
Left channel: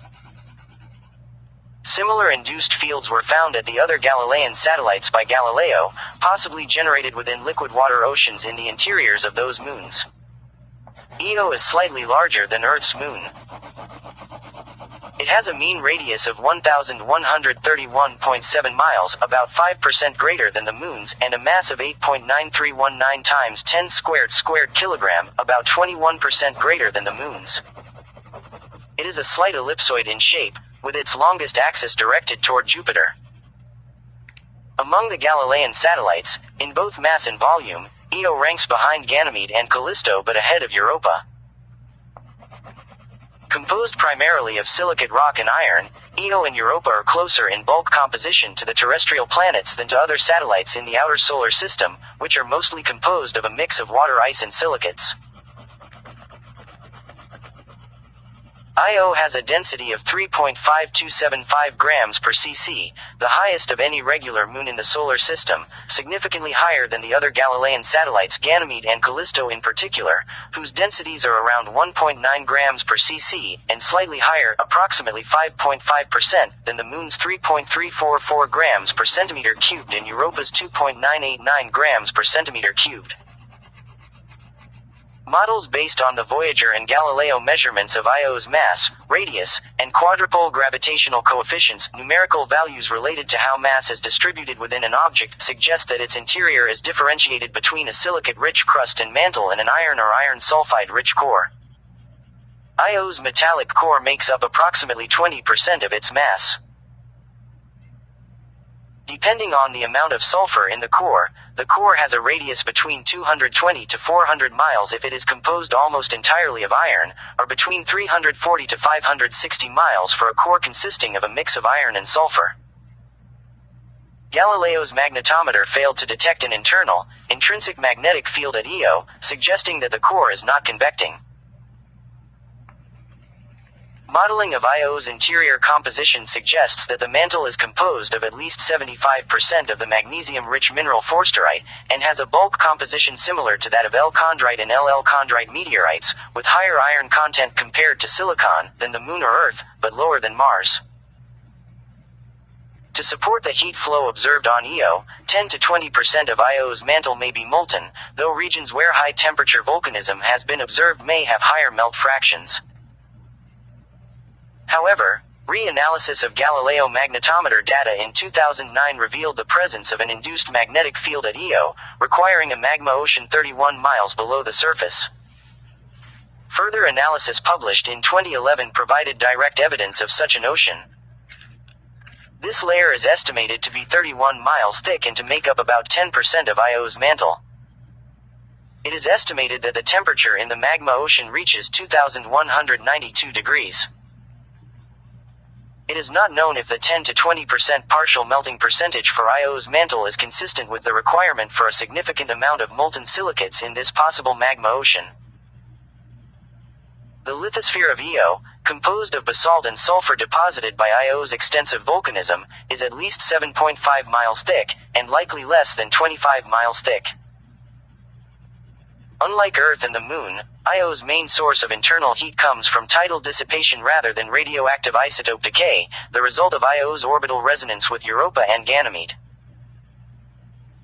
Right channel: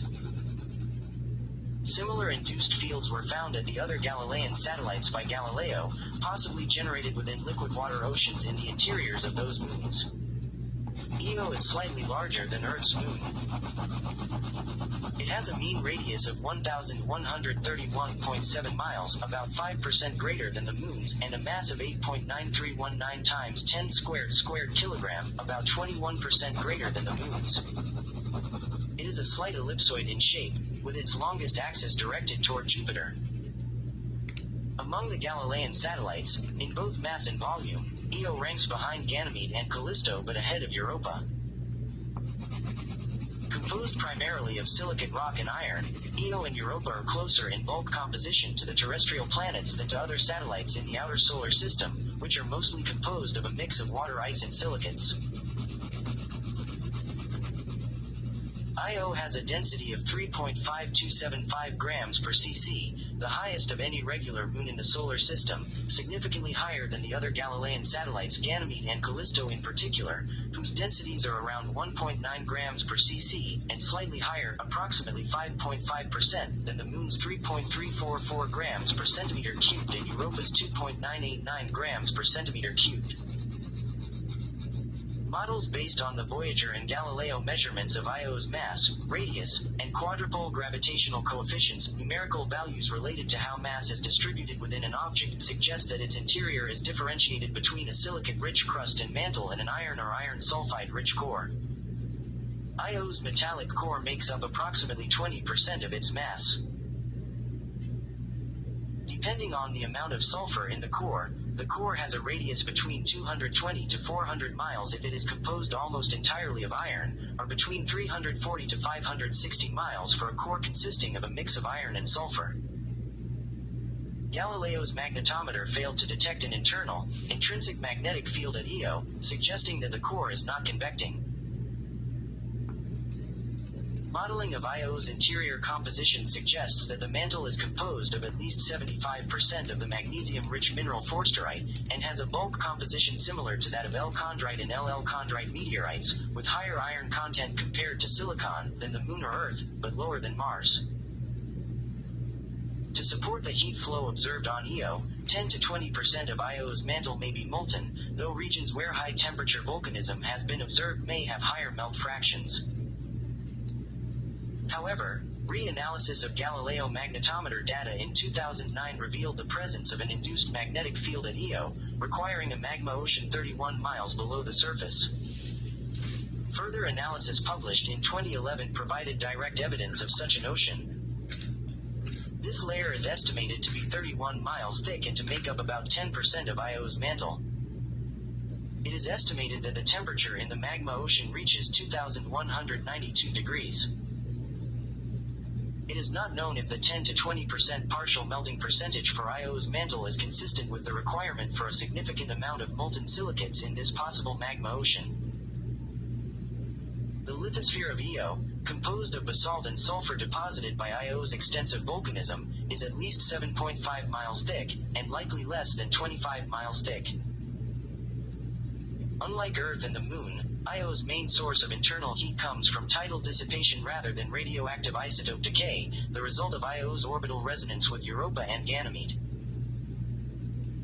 Similar induced fields were found at the other Galilean satellites by Galileo, possibly generated within liquid water oceans in the interiors of those moons. Io is slightly larger than Earth's moon. It has a mean radius of 1,131.7 miles, about 5% greater than the moon's, and a mass of 8.9319 times 10 squared kilogram, about 21% greater than the moon's. It is a slight ellipsoid in shape, with its longest axis directed toward Jupiter. Among the Galilean satellites, in both mass and volume, Io ranks behind Ganymede and Callisto but ahead of Europa. Composed primarily of silicate rock and iron, Io and Europa are closer in bulk composition to the terrestrial planets than to other satellites in the outer solar system, which are mostly composed of a mix of water ice and silicates. Io has a density of 3.5275 grams per cc, the highest of any regular moon in the solar system, significantly higher than the other Galilean satellites Ganymede and Callisto in particular, whose densities are around 1.9 grams per cc, and slightly higher, approximately 5.5%, than the moon's 3.344 grams per centimeter cubed and Europa's 2.989 grams per centimeter cubed. Models based on the Voyager and Galileo measurements of Io's mass, radius, and quadrupole gravitational coefficients, numerical values related to how mass is distributed within an object, suggest that its interior is differentiated between a silicate-rich crust and mantle and an iron or iron sulfide-rich core. Io's metallic core makes up approximately 20% of its mass. Depending on the amount of sulfur in the core has a radius between 220 to 400 miles if it is composed almost entirely of iron, or between 340 to 560 miles for a core consisting of a mix of iron and sulfur. Galileo's magnetometer failed to detect an intrinsic magnetic field at Io, suggesting that the core is not convecting. Modeling of Io's interior composition suggests that the mantle is composed of at least 75% of the magnesium-rich mineral forsterite, and has a bulk composition similar to that of L-chondrite and LL-chondrite meteorites, with higher iron content compared to silicon than the Moon or Earth, but lower than Mars. To support the heat flow observed on Io, 10 to 20% of Io's mantle may be molten, though regions where high-temperature volcanism has been observed may have higher melt fractions. However, reanalysis of Galileo magnetometer data in 2009 revealed the presence of an induced magnetic field at Io, requiring a magma ocean 31 miles below the surface. Further analysis published in 2011 provided direct evidence of such an ocean. This layer is estimated to be 31 miles thick and to make up about 10% of Io's mantle. It is estimated that the temperature in the magma ocean reaches 2,192 degrees. It is not known if the 10 to 20% partial melting percentage for Io's mantle is consistent with the requirement for a significant amount of molten silicates in this possible magma ocean. The lithosphere of Io, composed of basalt and sulfur deposited by Io's extensive volcanism, is at least 7.5 miles thick, and likely less than 25 miles thick. Unlike Earth and the Moon, Io's main source of internal heat comes from tidal dissipation rather than radioactive isotope decay, the result of Io's orbital resonance with Europa and Ganymede.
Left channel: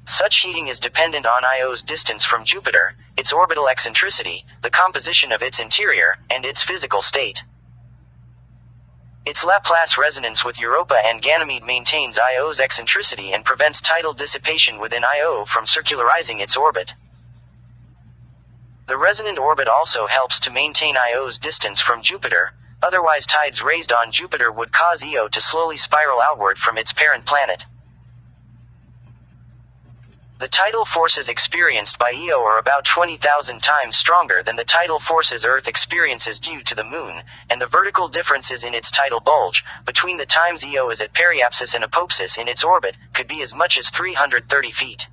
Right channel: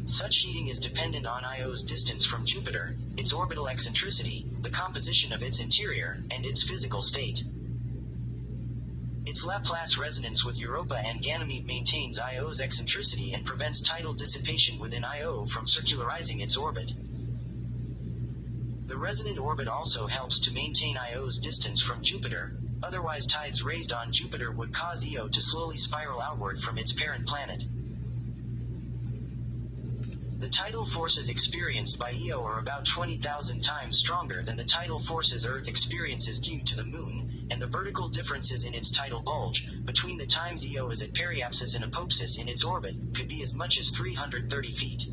Such heating is dependent on Io's distance from Jupiter, its orbital eccentricity, the composition of its interior, and its physical state. Its Laplace resonance with Europa and Ganymede maintains Io's eccentricity and prevents tidal dissipation within Io from circularizing its orbit. The resonant orbit also helps to maintain Io's distance from Jupiter, otherwise tides raised on Jupiter would cause Io to slowly spiral outward from its parent planet. The tidal forces experienced by Io are about 20,000 times stronger than the tidal forces Earth experiences due to the Moon, and the vertical differences in its tidal bulge, between the times Io is at periapsis and apopsis in its orbit, could be as much as 330 feet.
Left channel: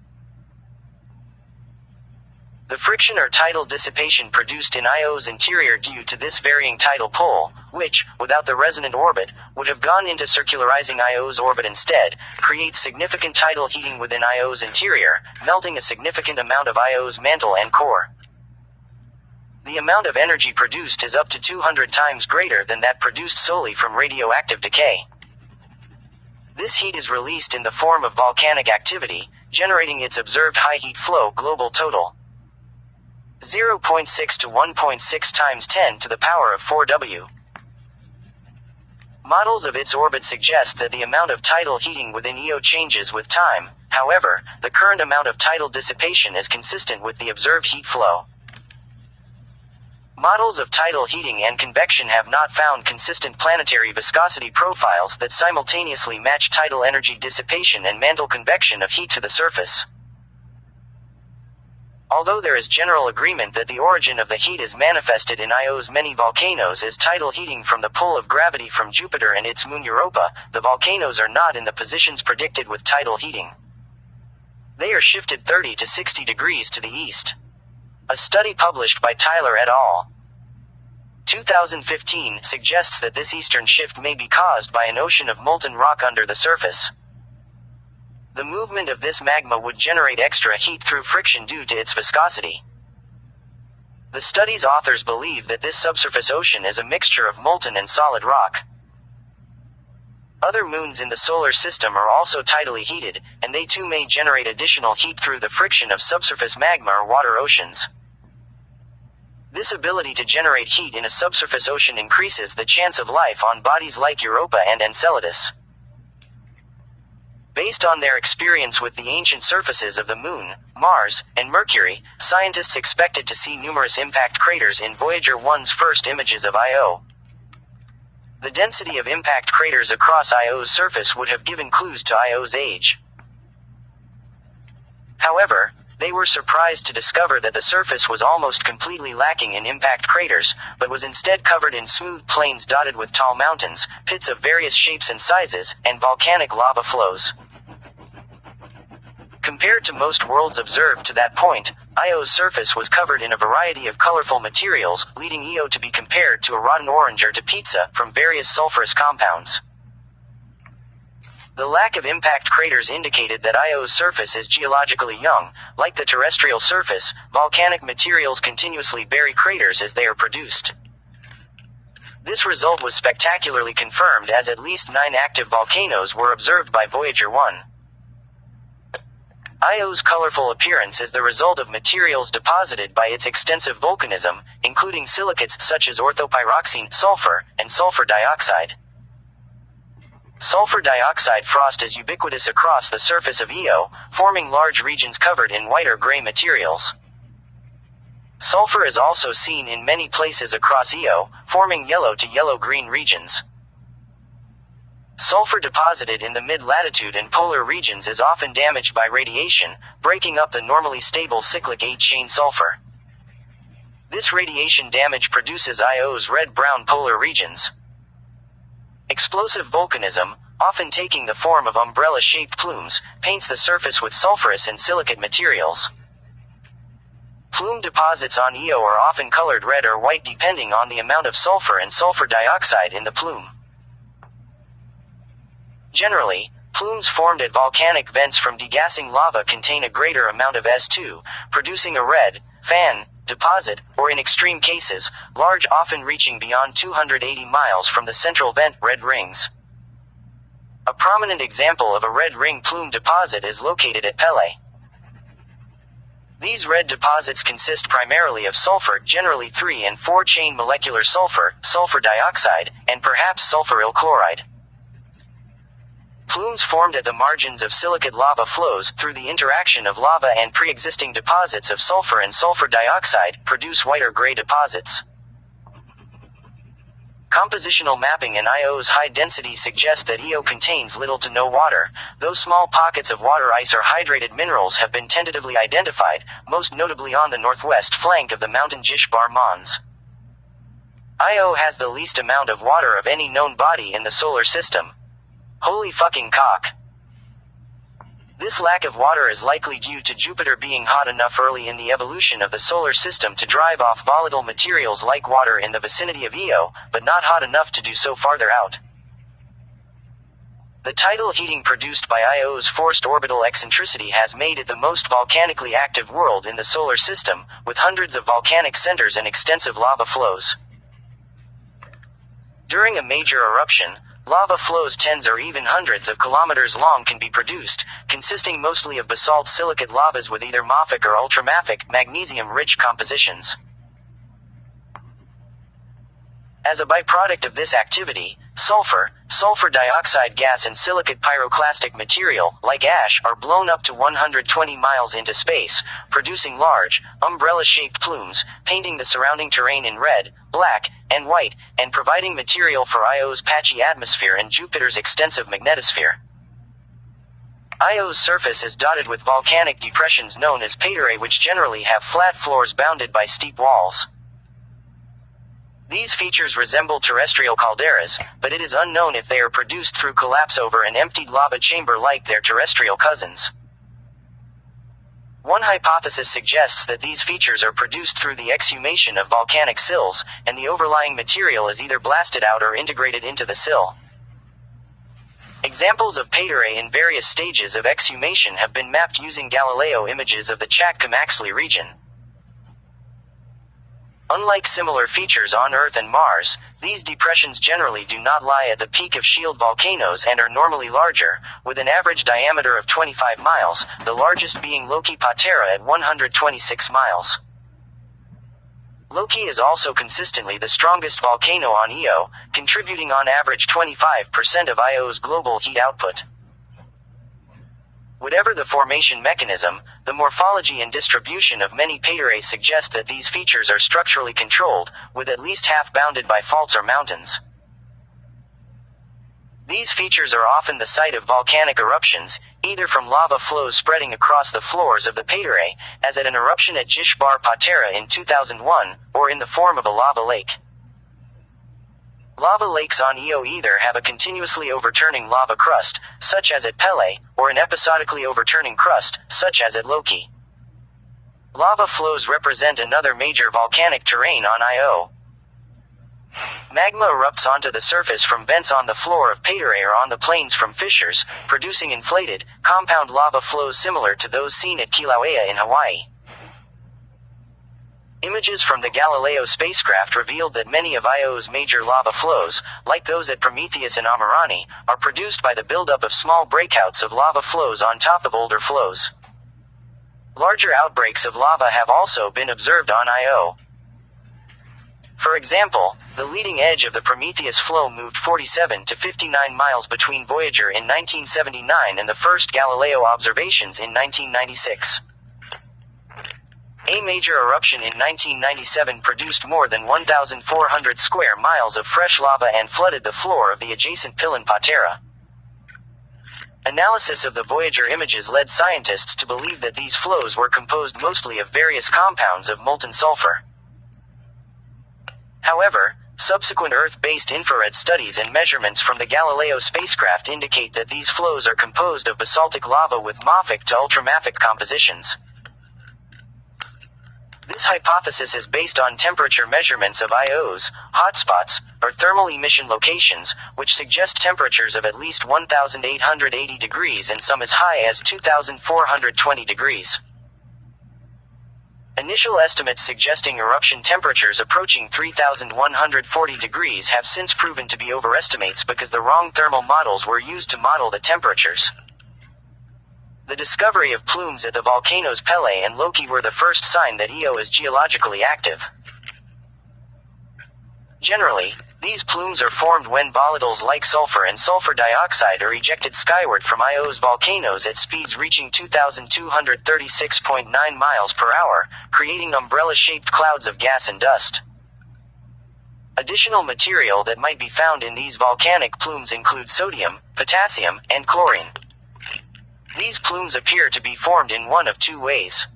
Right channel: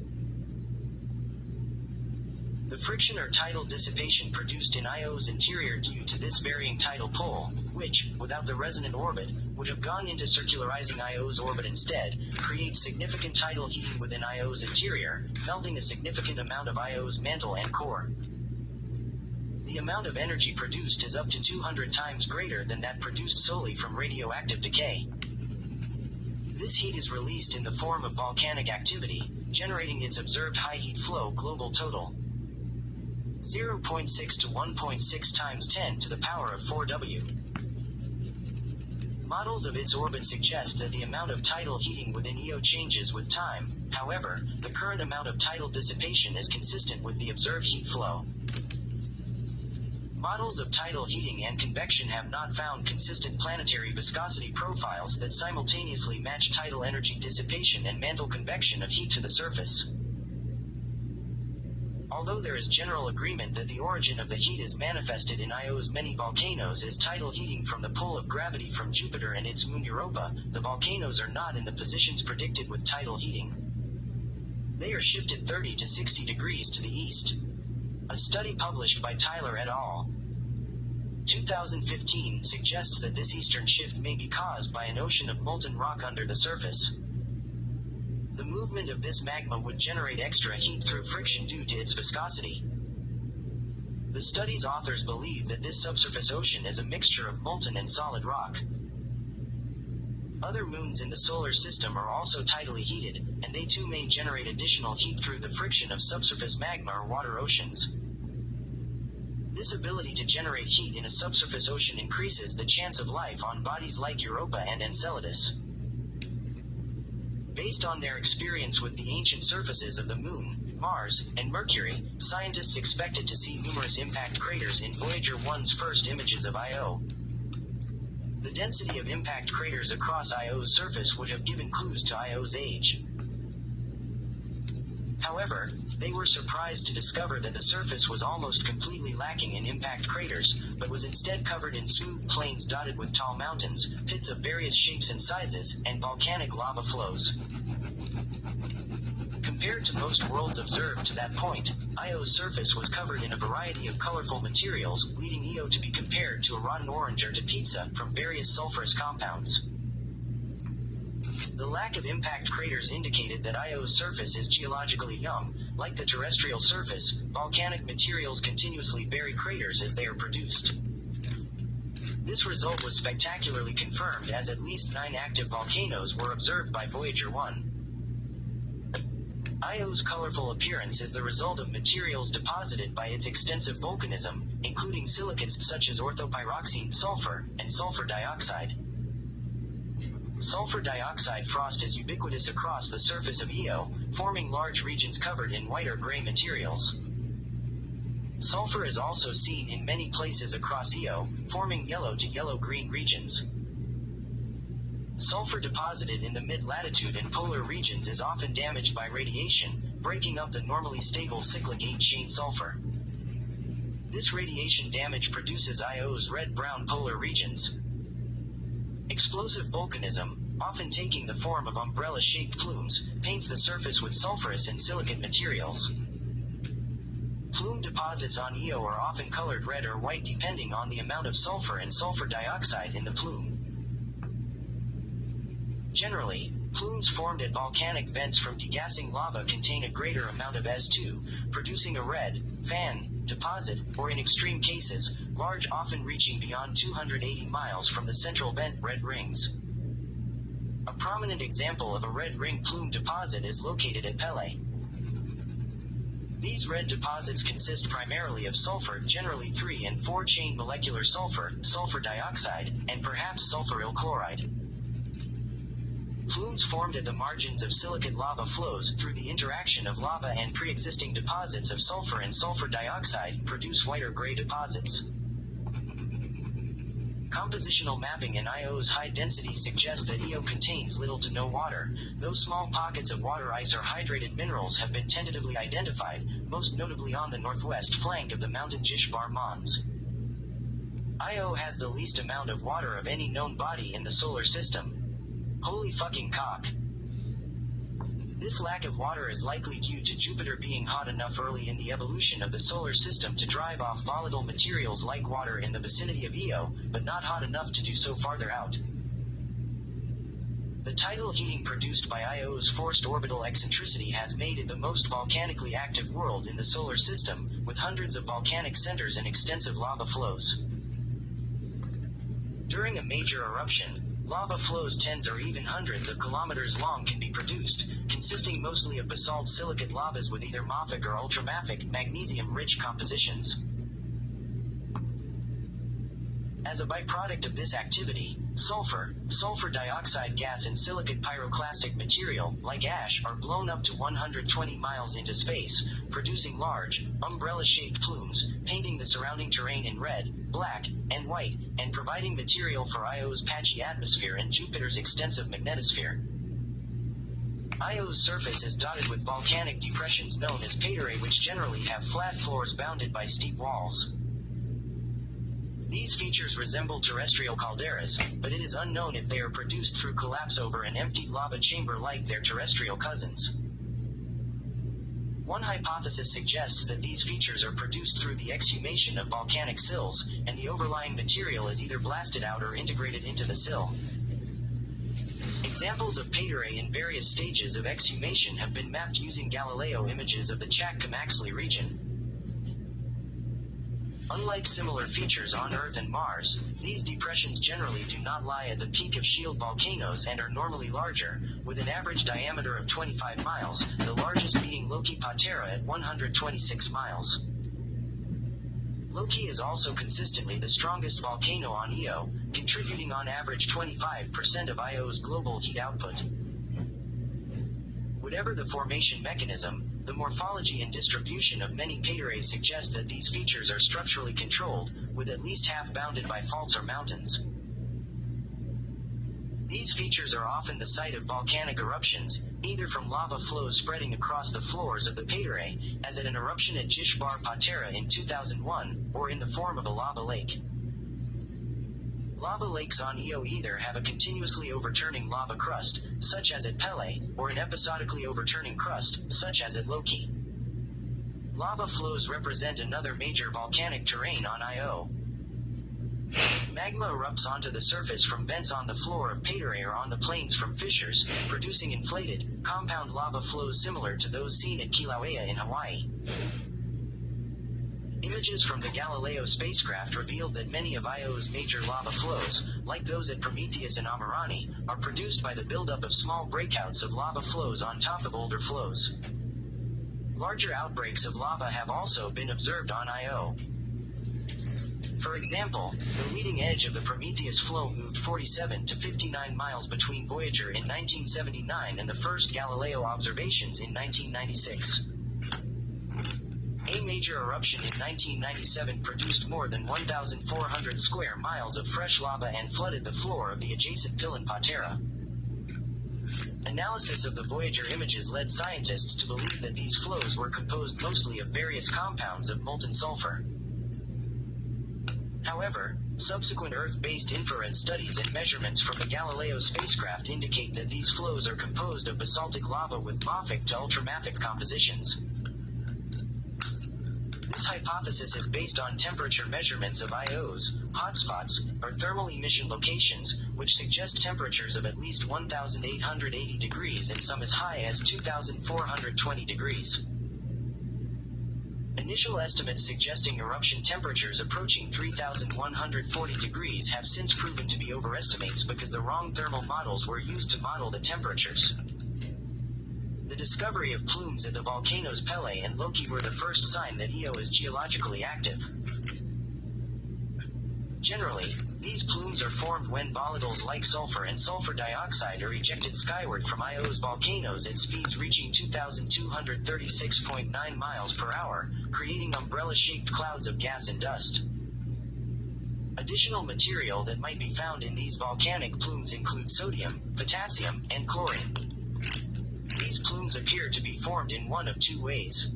The friction or tidal dissipation produced in Io's interior due to this varying tidal pull, which, without the resonant orbit, would have gone into circularizing Io's orbit instead, creates significant tidal heating within Io's interior, melting a significant amount of Io's mantle and core. The amount of energy produced is up to 200 times greater than that produced solely from radioactive decay. This heat is released in the form of volcanic activity, generating its observed high heat flow global total. 0.6 to 1.6 times 10 to the power of 4 W. Models of its orbit suggest that the amount of tidal heating within Io changes with time, however, the current amount of tidal dissipation is consistent with the observed heat flow. Models of tidal heating and convection have not found consistent planetary viscosity profiles that simultaneously match tidal energy dissipation and mantle convection of heat to the surface. Although there is general agreement that the origin of the heat is manifested in Io's many volcanoes as tidal heating from the pull of gravity from Jupiter and its moon Europa, the volcanoes are not in the positions predicted with tidal heating. They are shifted 30 to 60 degrees to the east. A study published by Tyler et al. 2015 suggests that this eastern shift may be caused by an ocean of molten rock under the surface. The movement of this magma would generate extra heat through friction due to its viscosity. The study's authors believe that this subsurface ocean is a mixture of molten and solid rock. Other moons in the solar system are also tidally heated, and they too may generate additional heat through the friction of subsurface magma or water oceans. This ability to generate heat in a subsurface ocean increases the chance of life on bodies like Europa and Enceladus. Based on their experience with the ancient surfaces of the Moon, Mars, and Mercury, scientists expected to see numerous impact craters in Voyager 1's first images of Io. The density of impact craters across Io's surface would have given clues to Io's age. However, they were surprised to discover that the surface was almost completely lacking in impact craters, but was instead covered in smooth plains dotted with tall mountains, pits of various shapes and sizes, and volcanic lava flows. Compared to most worlds observed to that point, Io's surface was covered in a variety of colorful materials, leading Io to be compared to a rotten orange or to pizza from various sulfurous compounds. The lack of impact craters indicated that Io's surface is geologically young. Like the terrestrial surface, volcanic materials continuously bury craters as they are produced. This result was spectacularly confirmed as at least 9 active volcanoes were observed by Voyager 1. Io's colorful appearance is the result of materials deposited by its extensive volcanism, including silicates such as orthopyroxene, sulfur, and sulfur dioxide. Sulfur dioxide frost is ubiquitous across the surface of Io, forming large regions covered in white or gray materials. Sulfur is also seen in many places across Io, forming yellow to yellow-green regions. Sulfur deposited in the mid-latitude and polar regions is often damaged by radiation, breaking up the normally stable cyclic 8-chain sulfur. This radiation damage produces Io's red-brown polar regions. Explosive volcanism, often taking the form of umbrella-shaped plumes, paints the surface with sulfurous and silicate materials. Plume deposits on Io are often colored red or white depending on the amount of sulfur and sulfur dioxide in the plume. Generally, plumes formed at volcanic vents from degassing lava contain a greater amount of S2, producing a red fan deposit, or in extreme cases, large, often reaching beyond 280 miles from the central vent, red rings. A prominent example of a red ring plume deposit is located at Pele. These red deposits consist primarily of sulfur, generally 3 and 4-chain molecular sulfur, sulfur dioxide, and perhaps sulfuryl chloride. Plumes formed at the margins of silicate lava flows through the interaction of lava and pre-existing deposits of sulfur and sulfur dioxide produce white or gray deposits. Compositional mapping in Io's high density suggests that Io contains little to no water, though small pockets of water ice or hydrated minerals have been tentatively identified, most notably on the northwest flank of the mountain Jishbar Mons. Io has the least amount of water of any known body in the solar system. Holy fucking cock. This lack of water is likely due to Jupiter being hot enough early in the evolution of the solar system to drive off volatile materials like water in the vicinity of Io, but not hot enough to do so farther out. The tidal heating produced by Io's forced orbital eccentricity has made it the most volcanically active world in the solar system, with hundreds of volcanic centers and extensive lava flows. During a major eruption, lava flows tens or even hundreds of kilometers long can be produced, consisting mostly of basalt silicate lavas with either mafic or ultramafic, magnesium-rich compositions. As a byproduct of this activity, sulfur, sulfur dioxide gas and silicate pyroclastic material, like ash, are blown up to 120 miles into space, producing large, umbrella-shaped plumes, painting the surrounding terrain in red, black, and white, and providing material for Io's patchy atmosphere and Jupiter's extensive magnetosphere. Io's surface is dotted with volcanic depressions known as paterae, which generally have flat floors bounded by steep walls. These features resemble terrestrial calderas, but it is unknown if they are produced through collapse over an emptied lava chamber like their terrestrial cousins. One hypothesis suggests that these features are produced through the exhumation of volcanic sills, and the overlying material is either blasted out or integrated into the sill. Examples of paterae in various stages of exhumation have been mapped using Galileo images of the Chakmaxtli region. Unlike similar features on Earth and Mars, these depressions generally do not lie at the peak of shield volcanoes and are normally larger, with an average diameter of 25 miles, the largest being Loki Patera at 126 miles. Loki is also consistently the strongest volcano on Io, contributing on average 25% of Io's global heat output. Whatever the formation mechanism, the morphology and distribution of many paterae suggest that these features are structurally controlled, with at least half bounded by faults or mountains. These features are often the site of volcanic eruptions, either from lava flows spreading across the floors of the paterae, as at an eruption at Jishbar Patera in 2001, or in the form of a lava lake. Lava lakes on Io either have a continuously overturning lava crust, such as at Pele, or an episodically overturning crust, such as at Loki. Lava flows represent another major volcanic terrain on Io. Magma erupts onto the surface from vents on the floor of paterae or on the plains from fissures, producing inflated, compound lava flows similar to those seen at Kilauea in Hawaii. Images from the Galileo spacecraft revealed that many of Io's major lava flows, like those at Prometheus and Amirani, are produced by the buildup of small breakouts of lava flows on top of older flows. Larger outbreaks of lava have also been observed on Io. For example, the leading edge of the Prometheus flow moved 47 to 59 miles between Voyager in 1979 and the first Galileo observations in 1996. A major eruption in 1997 produced more than 1,400 square miles of fresh lava and flooded the floor of the adjacent Pilin Patera. Analysis of the Voyager images led scientists to believe that these flows were composed mostly of various compounds of molten sulfur. However, subsequent Earth-based infrared studies and measurements from the Galileo spacecraft indicate that these flows are composed of basaltic lava with mafic to ultramafic compositions. This hypothesis is based on temperature measurements of Io's hotspots, or thermal emission locations, which suggest temperatures of at least 1,880 degrees and some as high as 2,420 degrees. Initial estimates suggesting eruption temperatures approaching 3,140 degrees have since proven to be overestimates because the wrong thermal models were used to model the temperatures. The discovery of plumes at the volcanoes Pele and Loki were the first sign that Io is geologically active. Generally, these plumes are formed when volatiles like sulfur and sulfur dioxide are ejected skyward from Io's volcanoes at speeds reaching 2,236.9 miles per hour, creating umbrella-shaped clouds of gas and dust. Additional material that might be found in these volcanic plumes include sodium, potassium, and chlorine. These plumes appear to be formed in one of two ways.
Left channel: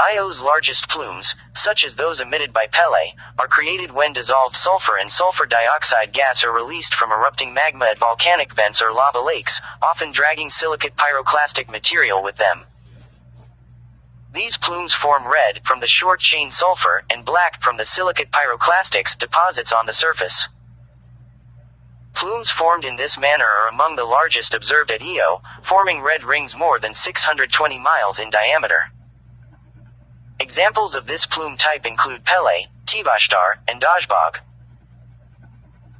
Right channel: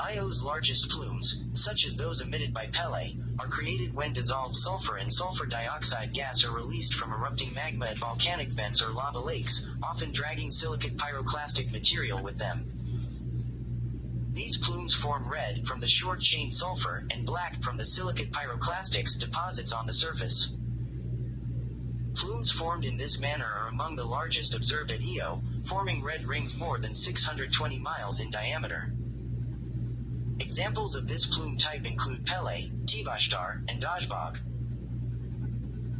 Io's largest plumes, such as those emitted by Pele, are created when dissolved sulfur and sulfur dioxide gas are released from erupting magma at volcanic vents or lava lakes, often dragging silicate pyroclastic material with them. These plumes form red from the short-chain sulfur and black from the silicate pyroclastics deposits on the surface. Plumes formed in this manner are among the largest observed at Io, forming red rings more than 620 miles in diameter. Examples of this plume type include Pele, Tivashtar, and Dajbog.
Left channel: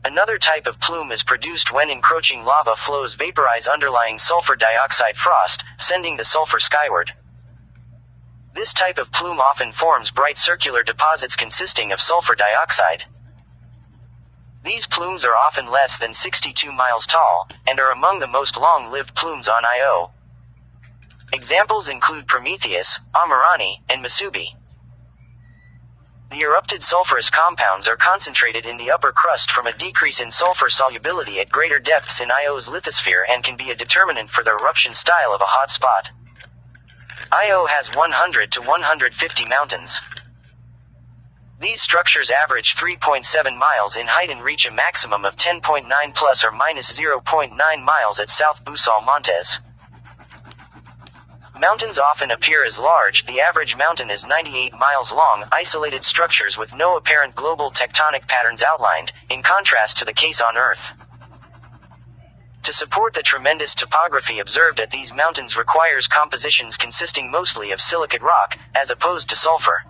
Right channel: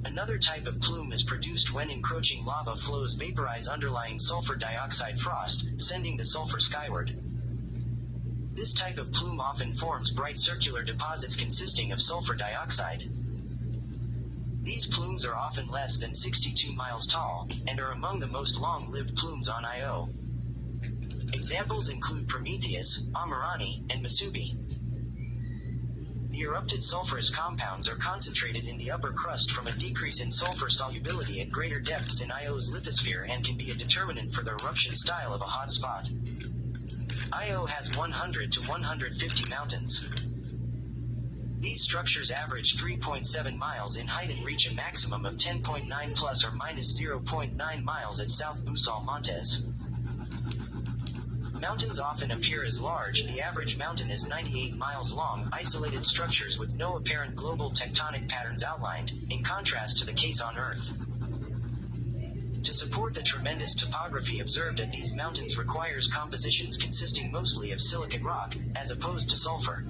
Another type of plume is produced when encroaching lava flows vaporize underlying sulfur dioxide frost, sending the sulfur skyward. This type of plume often forms bright circular deposits consisting of sulfur dioxide. These plumes are often less than 62 miles tall, and are among the most long-lived plumes on Io. Examples include Prometheus, Amirani, and Masubi. The erupted sulfurous compounds are concentrated in the upper crust from a decrease in sulfur solubility at greater depths in Io's lithosphere and can be a determinant for the eruption style of a hot spot. Io has 100 to 150 mountains. These structures average 3.7 miles in height and reach a maximum of 10.9 plus or minus 0.9 miles at South Busal Montes. Mountains often appear as large. The average mountain is 98 miles long, isolated structures with no apparent global tectonic patterns outlined, in contrast to the case on Earth. To support the tremendous topography observed at these mountains requires compositions consisting mostly of silicate rock, as opposed to sulfur.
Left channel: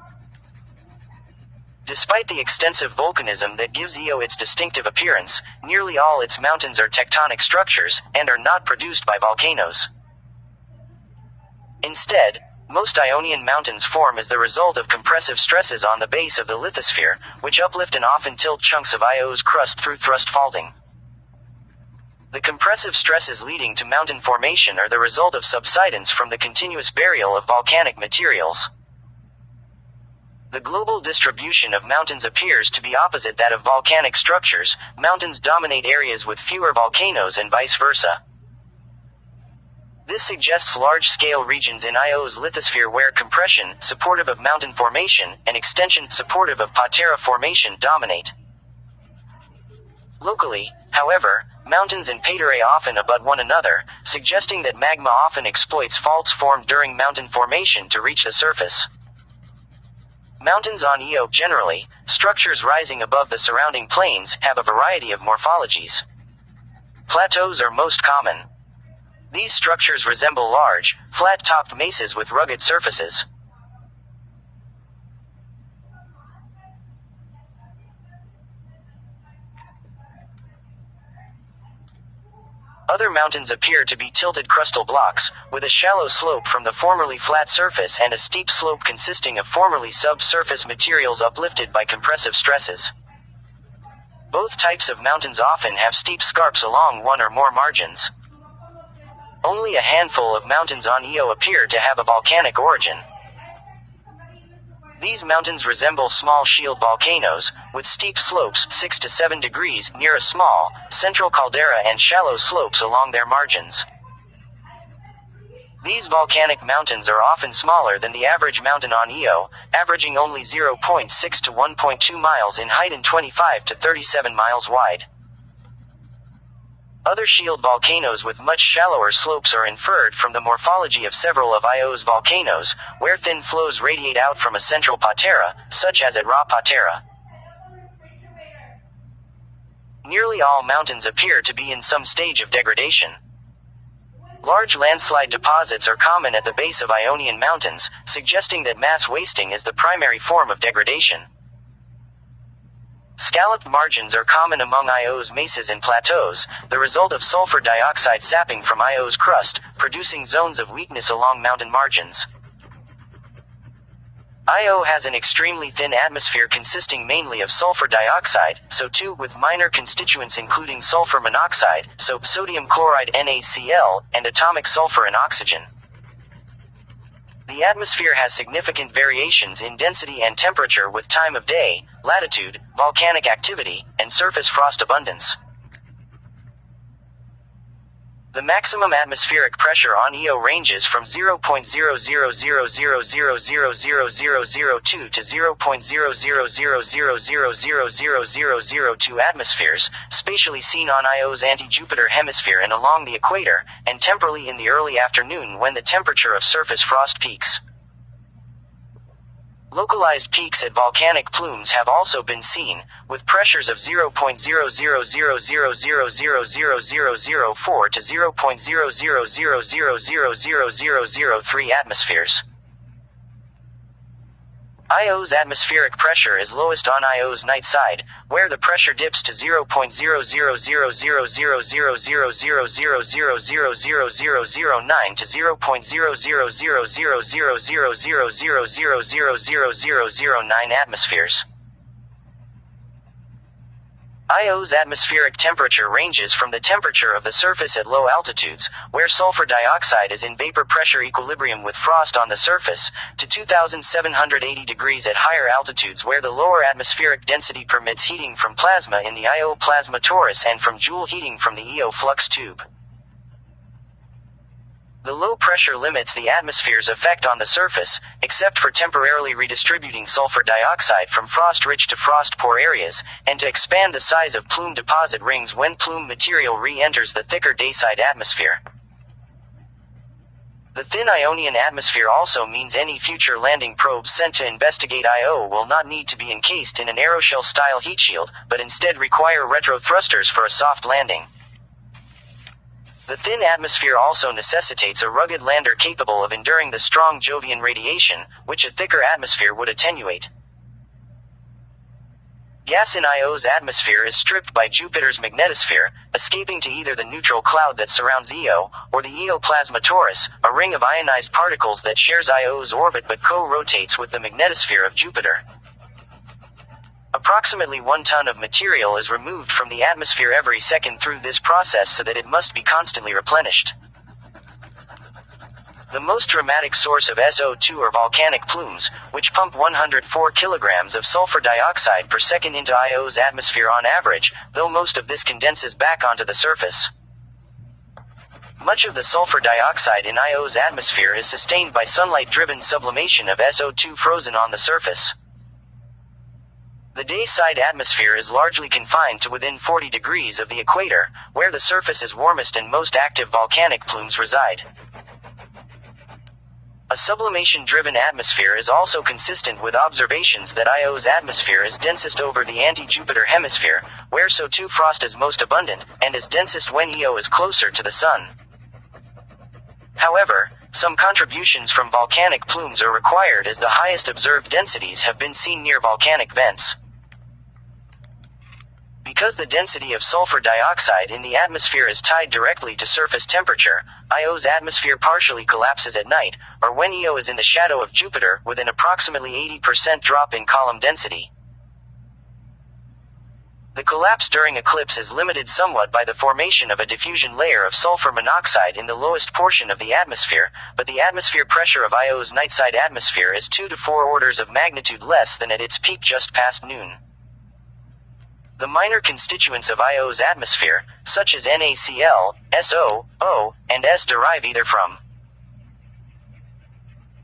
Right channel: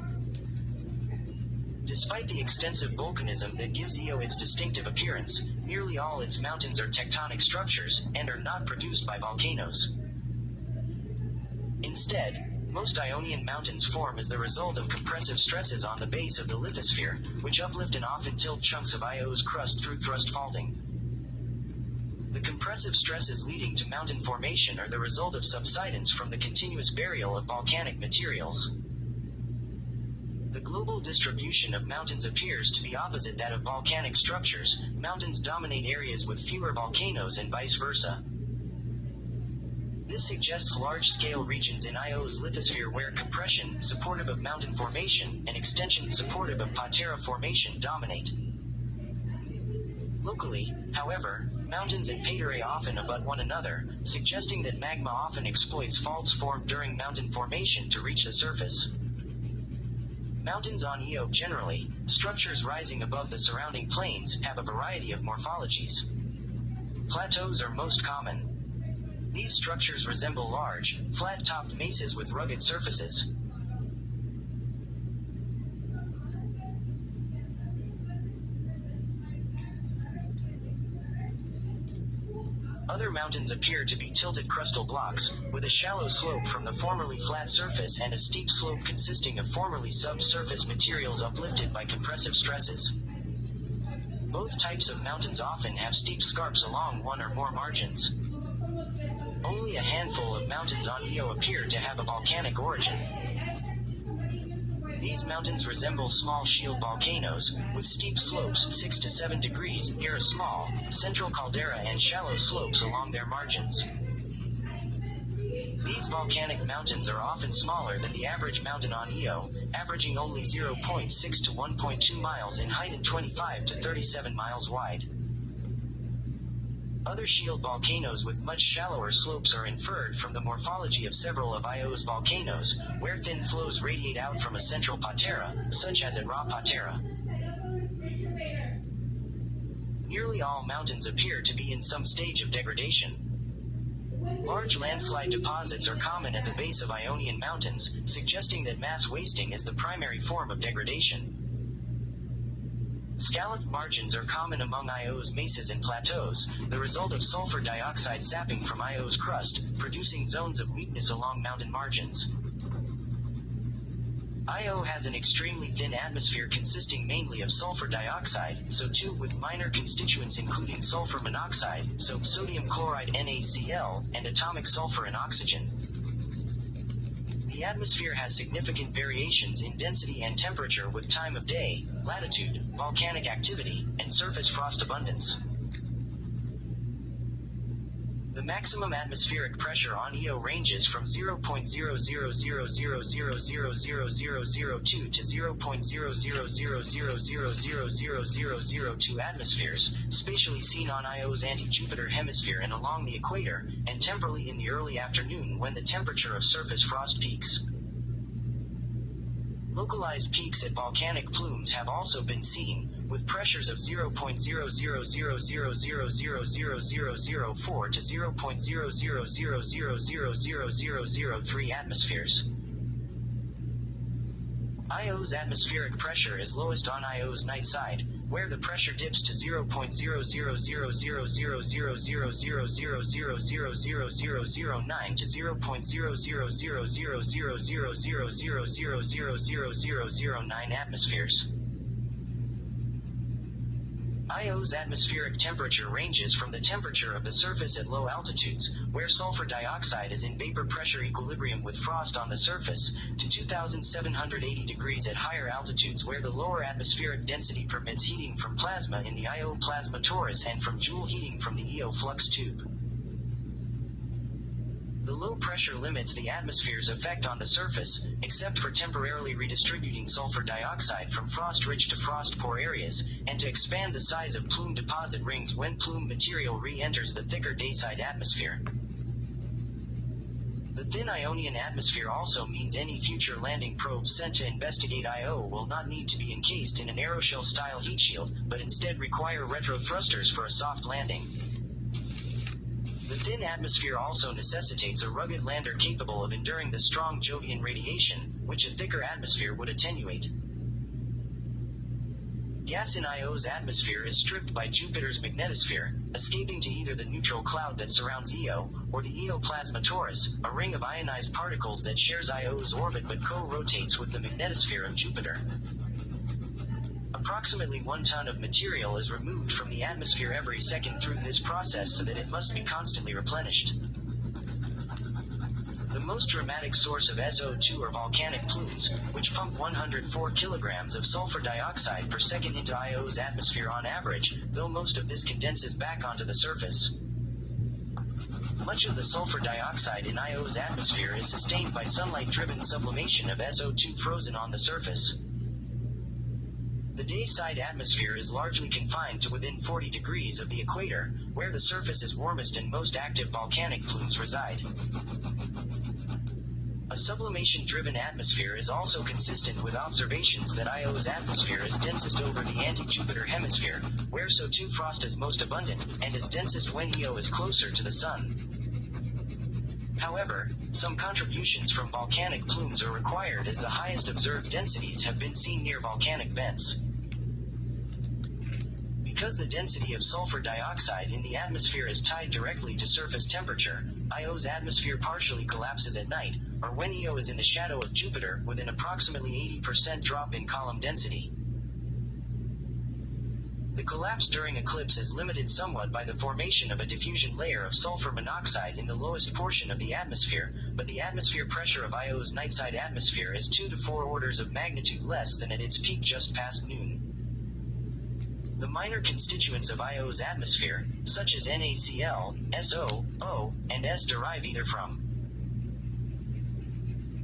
Despite the extensive volcanism that gives Io its distinctive appearance, nearly all its mountains are tectonic structures, and are not produced by volcanoes. Instead, most Ionian mountains form as the result of compressive stresses on the base of the lithosphere, which uplift and often tilt chunks of Io's crust through thrust faulting. The compressive stresses leading to mountain formation are the result of subsidence from the continuous burial of volcanic materials. The global distribution of mountains appears to be opposite that of volcanic structures. Mountains dominate areas with fewer volcanoes and vice versa. This suggests large-scale regions in Io's lithosphere where compression, supportive of mountain formation, and extension, supportive of patera formation, dominate. Locally, however, mountains and paterae often abut one another, suggesting that magma often exploits faults formed during mountain formation to reach the surface. Mountains on Io generally, structures rising above the surrounding plains, have a variety of morphologies. Plateaus are most common. These structures resemble large, flat-topped mesas with rugged surfaces. Other mountains appear to be tilted crustal blocks, with a shallow slope from the formerly flat surface and a steep slope consisting of formerly subsurface materials uplifted by compressive stresses. Both types of mountains often have steep scarps along one or more margins. Only a handful of mountains on Io appear to have a volcanic origin. These mountains resemble small shield volcanoes, with steep slopes 6 to 7 degrees near a small, central caldera and shallow slopes along their margins. These volcanic mountains are often smaller than the average mountain on Io, averaging only 0.6 to 1.2 miles in height and 25 to 37 miles wide. Other shield volcanoes with much shallower slopes are inferred from the morphology of several of Io's volcanoes, where thin flows radiate out from a central patera, such as at Ra Patera. Nearly all mountains appear to be in some stage of degradation. Large landslide deposits are common at the base of Ionian mountains, suggesting that mass wasting is the primary form of degradation. Scalloped margins are common among Io's mesas and plateaus, the result of sulfur dioxide sapping from Io's crust, producing zones of weakness along mountain margins. Io has an extremely thin atmosphere consisting mainly of sulfur dioxide, SO2, with minor constituents including sulfur monoxide, so sodium chloride NaCl, and atomic sulfur and oxygen. The atmosphere has significant variations in density and temperature with time of day, latitude, volcanic activity, and surface frost abundance. The maximum atmospheric pressure on Io ranges from 0.0000000002 to 0.0000000002 atmospheres, spatially seen on Io's anti-Jupiter hemisphere and along the equator, and temporally in the early afternoon when the temperature of surface frost peaks. Localized peaks at volcanic plumes have also been seen, with pressures of 0.0000000004 to 0.0000000003 atmospheres. Io's atmospheric pressure is lowest on Io's night side, where the pressure dips to 0.00000000000009 to 0.00000000000009 atmospheres. Io's atmospheric temperature ranges from the temperature of the surface at low altitudes, where sulfur dioxide is in vapor pressure equilibrium with frost on the surface, to 2,780 degrees at higher altitudes where the lower atmospheric density permits heating from plasma in the Io plasma torus and from Joule heating from the Io flux tube. The low pressure limits the atmosphere's effect on the surface, except for temporarily redistributing sulfur dioxide from frost-rich to frost-poor areas, and to expand the size of plume deposit rings when plume material re-enters the thicker dayside atmosphere. The thin Ionian atmosphere also means any future landing probes sent to investigate Io will not need to be encased in an aeroshell-style heat shield, but instead require retro-thrusters for a soft landing. The thin atmosphere also necessitates a rugged lander capable of enduring the strong Jovian radiation, which a thicker atmosphere would attenuate. Gas in Io's atmosphere is stripped by Jupiter's magnetosphere, escaping to either the neutral cloud that surrounds Io, or the Io plasma torus, a ring of ionized particles that shares Io's orbit but co-rotates with the magnetosphere of Jupiter. Approximately 1 ton of material is removed from the atmosphere every second through this process so that it must be constantly replenished. The most dramatic source of SO2 are volcanic plumes, which pump 104 kilograms of sulfur dioxide per second into Io's atmosphere on average, though most of this condenses back onto the surface. Much of the sulfur dioxide in Io's atmosphere is sustained by sunlight-driven sublimation of SO2 frozen on the surface. The day-side atmosphere is largely confined to within 40 degrees of the equator, where the surface is warmest and most active volcanic plumes reside. A sublimation-driven atmosphere is also consistent with observations that Io's atmosphere is densest over the anti-Jupiter hemisphere, where SO2 frost is most abundant, and is densest when Io is closer to the Sun. However, some contributions from volcanic plumes are required as the highest observed densities have been seen near volcanic vents. Because the density of sulfur dioxide in the atmosphere is tied directly to surface temperature, Io's atmosphere partially collapses at night, or when Io is in the shadow of Jupiter, with an approximately 80% drop in column density. The collapse during eclipse is limited somewhat by the formation of a diffusion layer of sulfur monoxide in the lowest portion of the atmosphere, but the atmosphere pressure of Io's nightside atmosphere is 2 to 4 orders of magnitude less than at its peak just past noon. The minor constituents of Io's atmosphere, such as NaCl, SO, O, and S, derive either from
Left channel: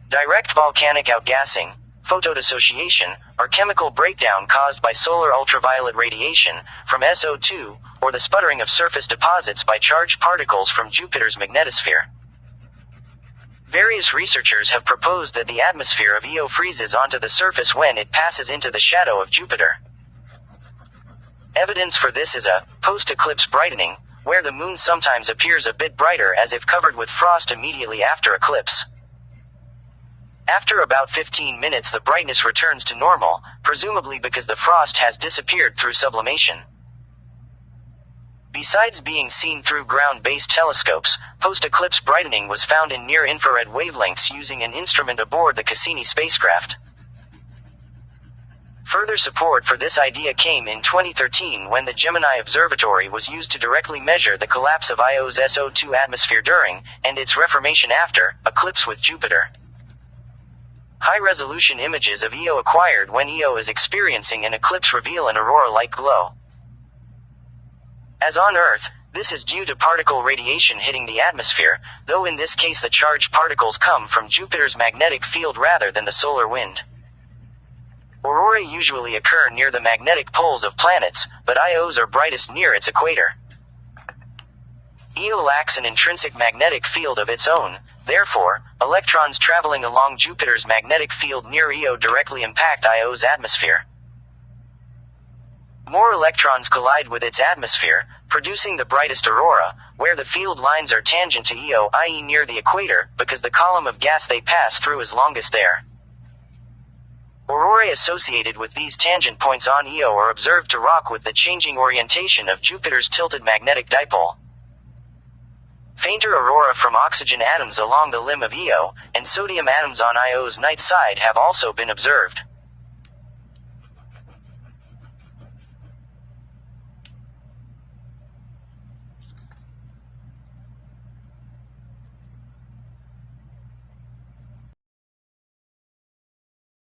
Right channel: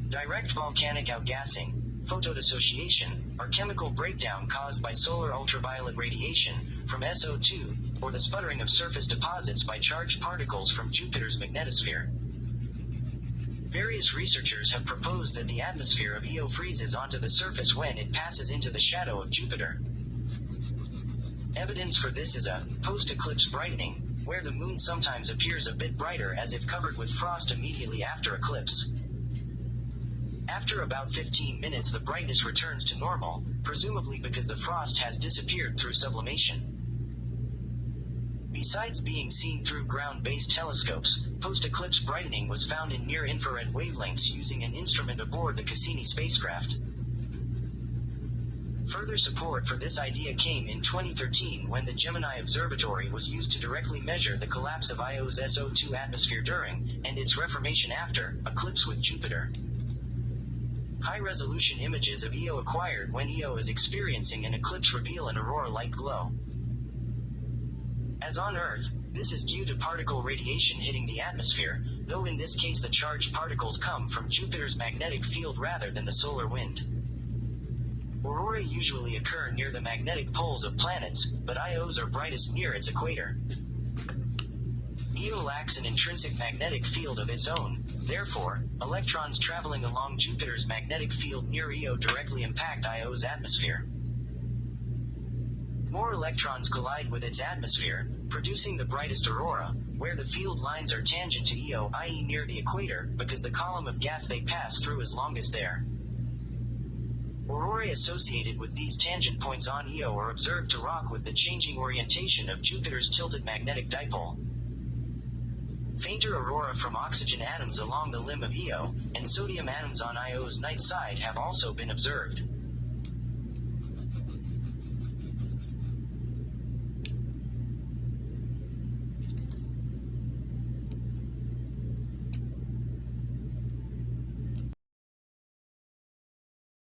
direct volcanic outgassing, photodissociation, or chemical breakdown caused by solar ultraviolet radiation from SO2, or the sputtering of surface deposits by charged particles from Jupiter's magnetosphere. Various researchers have proposed that the atmosphere of Io freezes onto the surface when it passes into the shadow of Jupiter. Evidence for this is a post-eclipse brightening, where the moon sometimes appears a bit brighter as if covered with frost immediately after eclipse. After about 15 minutes the brightness returns to normal, presumably because the frost has disappeared through sublimation. Besides being seen through ground-based telescopes, post-eclipse brightening was found in near-infrared wavelengths using an instrument aboard the Cassini spacecraft. Further support for this idea came in 2013 when the Gemini Observatory was used to directly measure the collapse of Io's SO2 atmosphere during, and its reformation after, eclipse with Jupiter. High-resolution images of Io acquired when Io is experiencing an eclipse reveal an aurora-like glow. As on Earth, this is due to particle radiation hitting the atmosphere, though in this case the charged particles come from Jupiter's magnetic field rather than the solar wind. Aurorae usually occur near the magnetic poles of planets, but Io's are brightest near its equator. Io lacks an intrinsic magnetic field of its own, therefore, electrons traveling along Jupiter's magnetic field near Io directly impact Io's atmosphere. More electrons collide with its atmosphere, producing the brightest aurora, where the field lines are tangent to Io, i.e. near the equator, because the column of gas they pass through is longest there. Aurorae associated with these tangent points on Io are observed to rock with the changing orientation of Jupiter's tilted magnetic dipole. Fainter aurora from oxygen atoms along the limb of Io, and sodium atoms on Io's night side have also been observed.